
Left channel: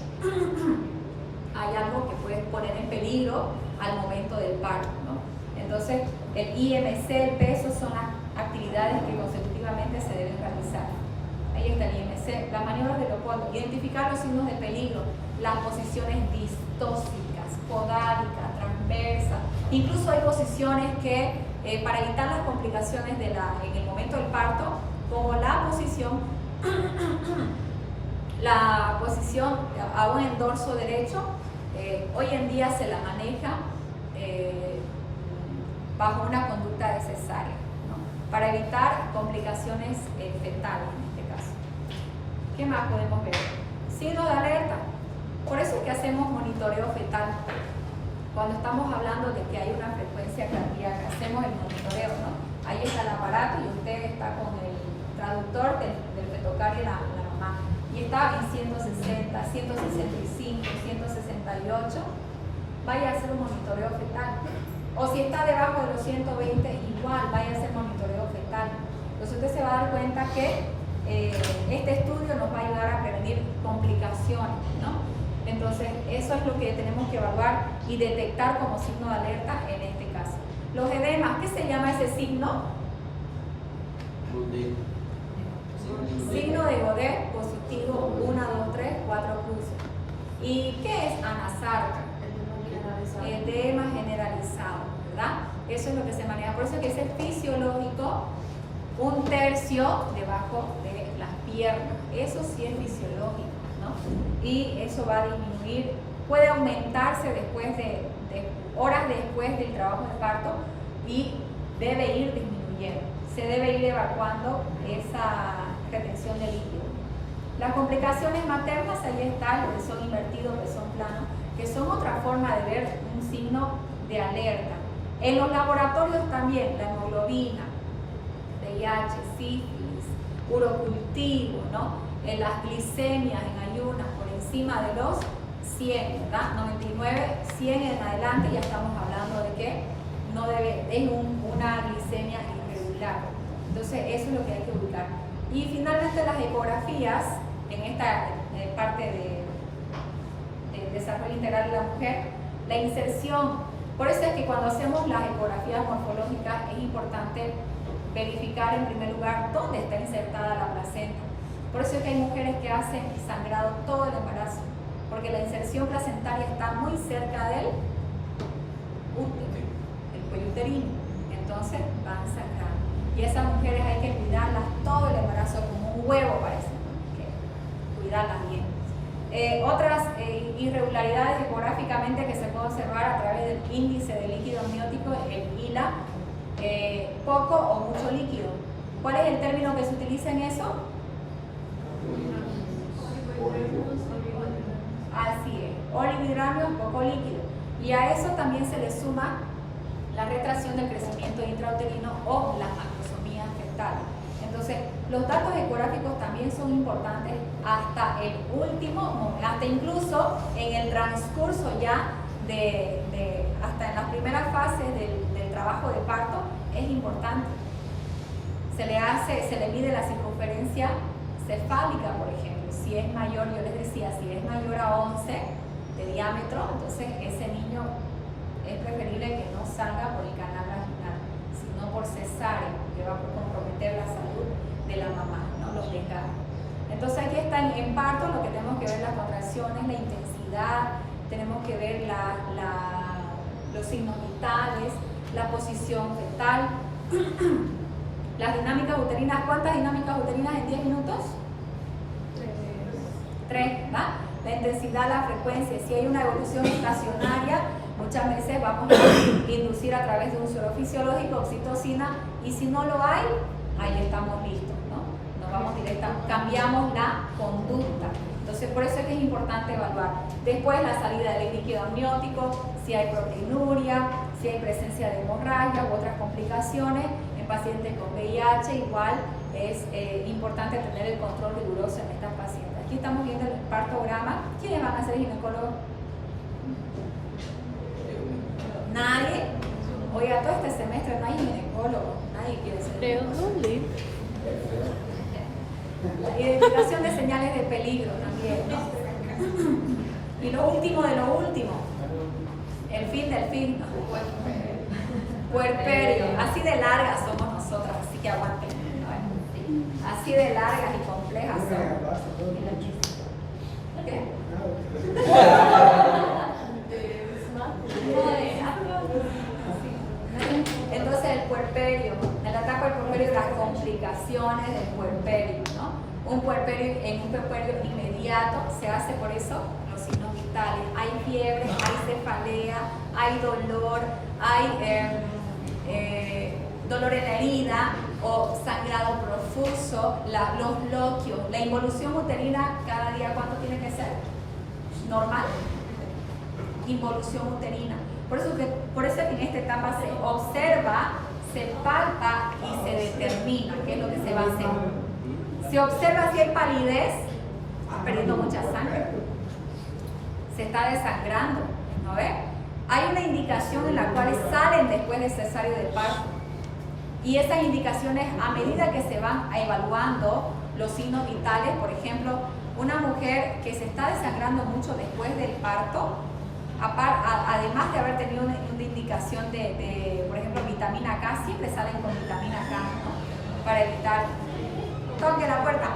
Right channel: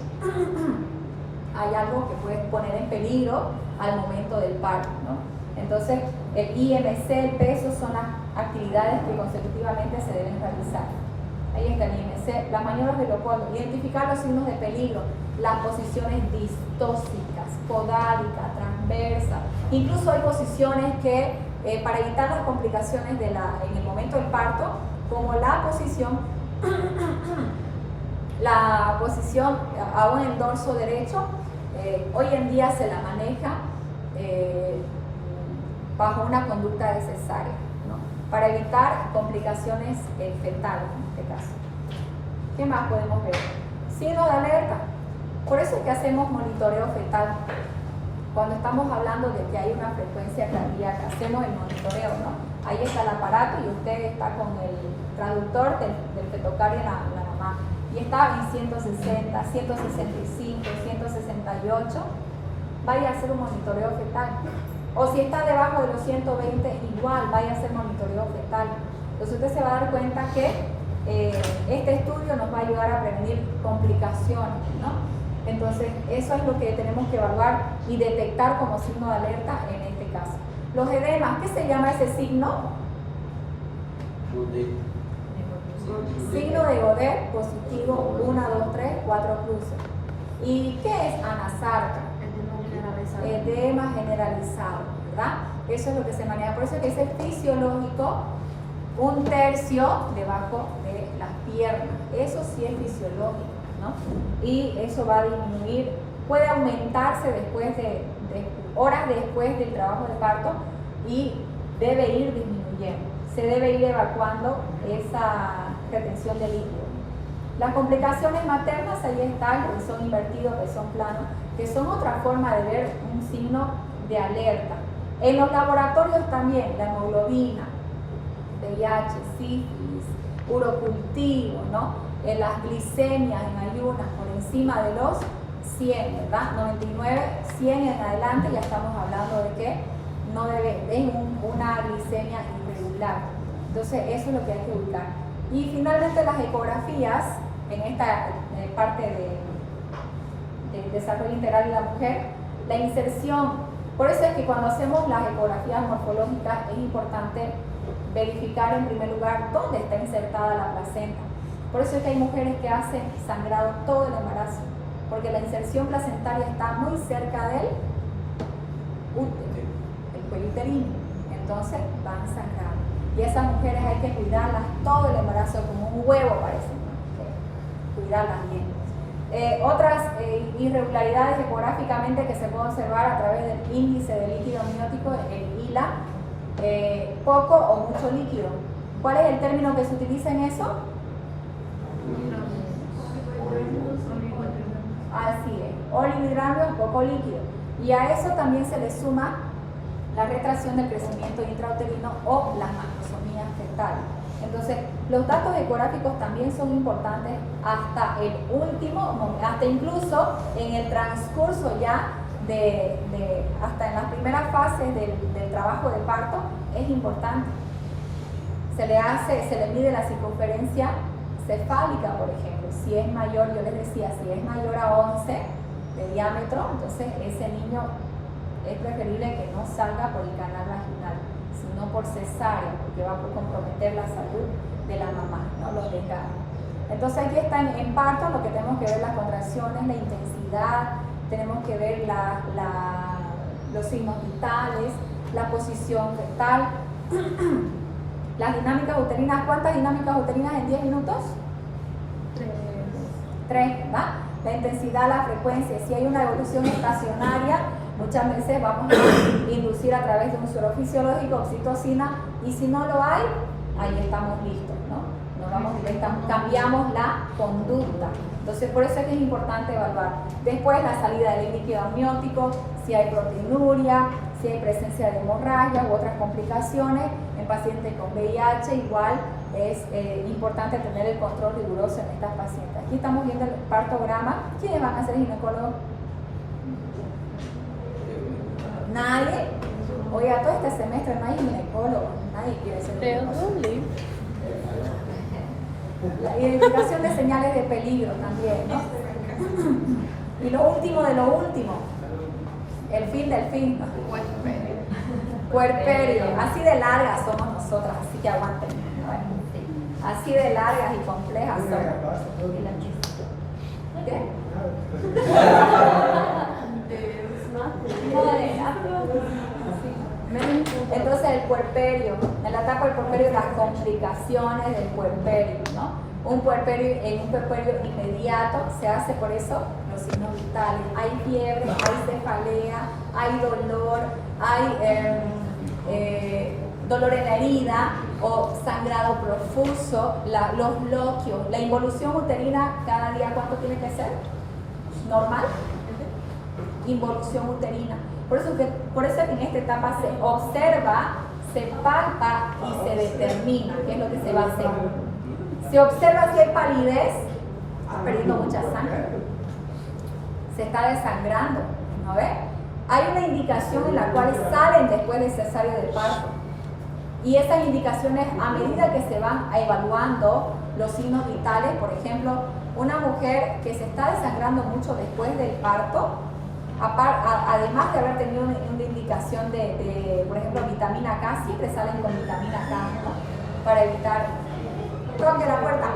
Hay algo que puede poner en peligro al momento del parto, ¿no? Entonces, el IMC, el peso, son las actividades que consecutivamente se deben realizar. Ahí está el IMC. Las maniobras de Leopoldo. Identificar los signos de peligro, las posiciones distóxicas, podálica, transversa. Incluso hay posiciones que, para evitar las complicaciones en el momento del parto, como la posición aún en dorso derecho, hoy en día se la maneja bajo una conducta de cesárea, ¿no? Para evitar complicaciones fetales en este caso. ¿Qué más podemos ver? Signo de alerta. Por eso es que hacemos monitoreo fetal. Cuando estamos hablando de que hay una frecuencia cardíaca, hacemos el monitoreo, ¿no? Ahí está el aparato y usted está con el traductor del fetocardio en la mamá. Y está en 160, 165, 168. Vaya a hacer un monitoreo fetal. O si está debajo de los 120, igual vaya a hacer monitoreo fetal. Entonces usted se va a dar cuenta que este estudio nos va a ayudar a prevenir complicaciones, ¿no? Entonces eso es lo que tenemos que evaluar y detectar como signo de alerta en este caso. Los edemas, ¿qué se llama ese signo? Signo de Godet positivo, 1, 2, 3, 4 cruces. ¿Y qué es anasarca? Edema generalizado, ¿verdad? Eso es lo que se maneja. Por eso es que dice fisiológico, 1/3 debajo de las piernas. Eso sí es fisiológico, ¿no? Y eso va a disminuir, puede aumentarse después de horas después del trabajo de parto y debe ir disminuyendo. Se debe ir evacuando esa retención de líquido. Las complicaciones maternas, ahí están, que son invertidos, que son planos, que son otra forma de ver un signo de alerta. En los laboratorios también, la hemoglobina, VIH, sífilis, urocultivo, ¿no? En las glicemias en ayunas por encima de los 100, ¿verdad? 99, 100 en adelante ya estamos hablando de que no debe, es una glicemia irregular. Entonces eso es lo que hay que buscar. Y finalmente las ecografías, en esta parte del desarrollo integral de la mujer, la inserción. Por eso es que cuando hacemos las ecografías morfológicas es importante verificar en primer lugar dónde está insertada la placenta. Por eso es que hay mujeres que hacen sangrado todo el embarazo, porque la inserción placentaria está muy cerca del útero, el cuello uterino. Entonces van sangrando. Y esas mujeres hay que cuidarlas todo el embarazo, como un huevo parece, ¿no? Que cuidarlas bien. Otras irregularidades ecográficamente que se pueden observar a través del índice de líquido amniótico, el ILA, poco o mucho líquido. ¿Cuál es el término que se utiliza en eso? Así es, oligohidramio es poco líquido. Y a eso también se le suma la retracción del crecimiento intrauterino o las macrosomías fetales. Entonces, los datos ecográficos también son importantes hasta el último, hasta incluso en el transcurso ya hasta en las primeras fases del trabajo de parto, es importante. Se le mide la circunferencia cefálica, por ejemplo. Si es mayor, yo les decía, si es mayor a 11 de diámetro, entonces ese niño es preferible que no salga por el canal vaginal, sino por cesárea, porque va a comprometer la salud de la mamá, ¿no? Los desgarros. Entonces aquí está en parto lo que tenemos que ver: las contracciones, la intensidad, tenemos que ver los signos vitales, la posición fetal, las dinámicas uterinas. ¿Cuántas dinámicas uterinas en 10 minutos? 3, ¿verdad? La intensidad, la frecuencia. Si hay una evolución estacionaria, muchas veces vamos a inducir a través de un suero fisiológico oxitocina, y si no lo hay, ahí estamos listos, ¿no? Nos vamos directamente, cambiamos la conducta. Entonces, por eso es que es importante evaluar. Después, la salida del líquido amniótico, si hay proteinuria, si hay presencia de hemorragia u otras complicaciones. En pacientes con VIH, igual es importante tener el control riguroso en estas pacientes. Aquí estamos viendo el partograma. ¿Quiénes van a ser ginecólogos? Nadie. Oiga, todo este semestre no hay ginecólogo. Nadie quiere ser ginecólogo. La identificación de señales de peligro también, ¿no? Y lo último de lo último, el fin del fin, ¿no? Puerperio. Así de largas somos nosotras, así que aguanten. Así de largas y complejas Una son. garrafa, todo. ¿Qué? Entonces el puerperio, en la etapa del puerperio, las complicaciones del puerperio, ¿no? Un puerperio, en un puerperio inmediato se hace por eso los signos vitales. Hay fiebre, hay cefalea, hay dolor, hay dolor en la herida o sangrado profuso, los bloqueos, la involución uterina cada día, ¿cuánto tiene que ser? ¿Normal? Involución uterina. Por eso que en esta etapa se observa, se palpa y se determina qué es lo que se va a hacer. Se observa si hay palidez, está perdiendo mucha sangre, se está desangrando, ¿no ve? Hay una indicación en la cual salen después del cesárea de parto. Y esas indicaciones, a medida que se van evaluando los signos vitales, por ejemplo, una mujer que se está desangrando mucho después del parto, además de haber tenido una indicación de, por ejemplo, vitamina K, siempre salen con vitamina K, ¿no? Para evitar. Toque la puerta.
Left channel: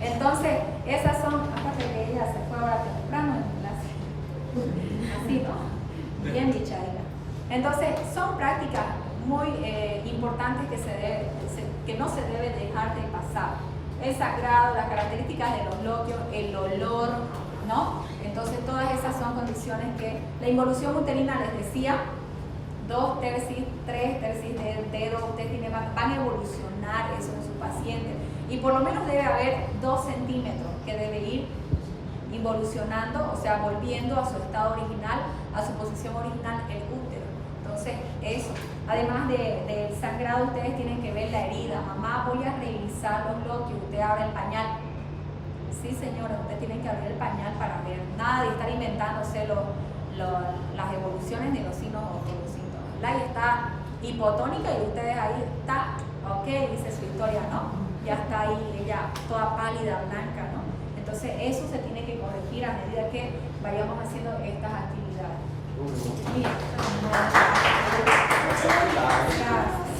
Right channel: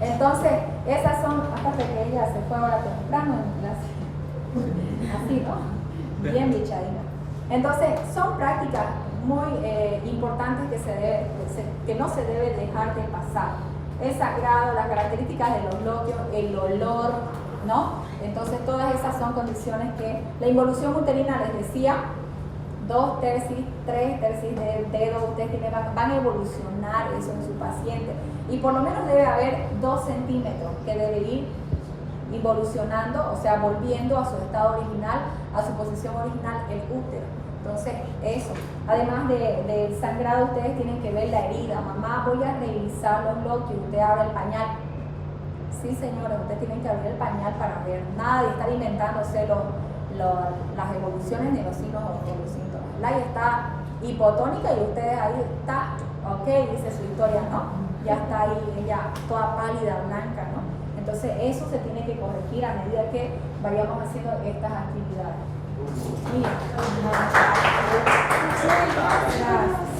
Entonces, esas son, aparte que ella se fue ahora temprano en clase. Así, ¿no? Bien bichadita. Entonces, son prácticas muy importantes que no se debe dejar de pasar. El sangrado, las características de los bloqueos, el olor, ¿no? Entonces todas esas son condiciones que la involución uterina, les decía, 2 tercis, 3 tercis del dedo, ustedes van a evolucionar eso en su paciente. Y por lo menos debe haber 2 centímetros que debe ir involucionando, o sea, volviendo a su estado original, a su posición original, el útero. Entonces, eso. Además del sangrado, ustedes tienen que ver la herida. Mamá, voy a revisar los bloqueos, usted abre el pañal. Sí, señora, ustedes tienen que abrir el pañal para ver. Nada de estar inventándose las evoluciones ni los signos o los síntomas. La está hipotónica y ustedes ahí está, ok, dice su historia, ¿no? Ya está ahí, ella toda pálida, blanca, ¿no? Entonces, eso se tiene que corregir a medida que vayamos haciendo estas actividades. Bien. Gracias.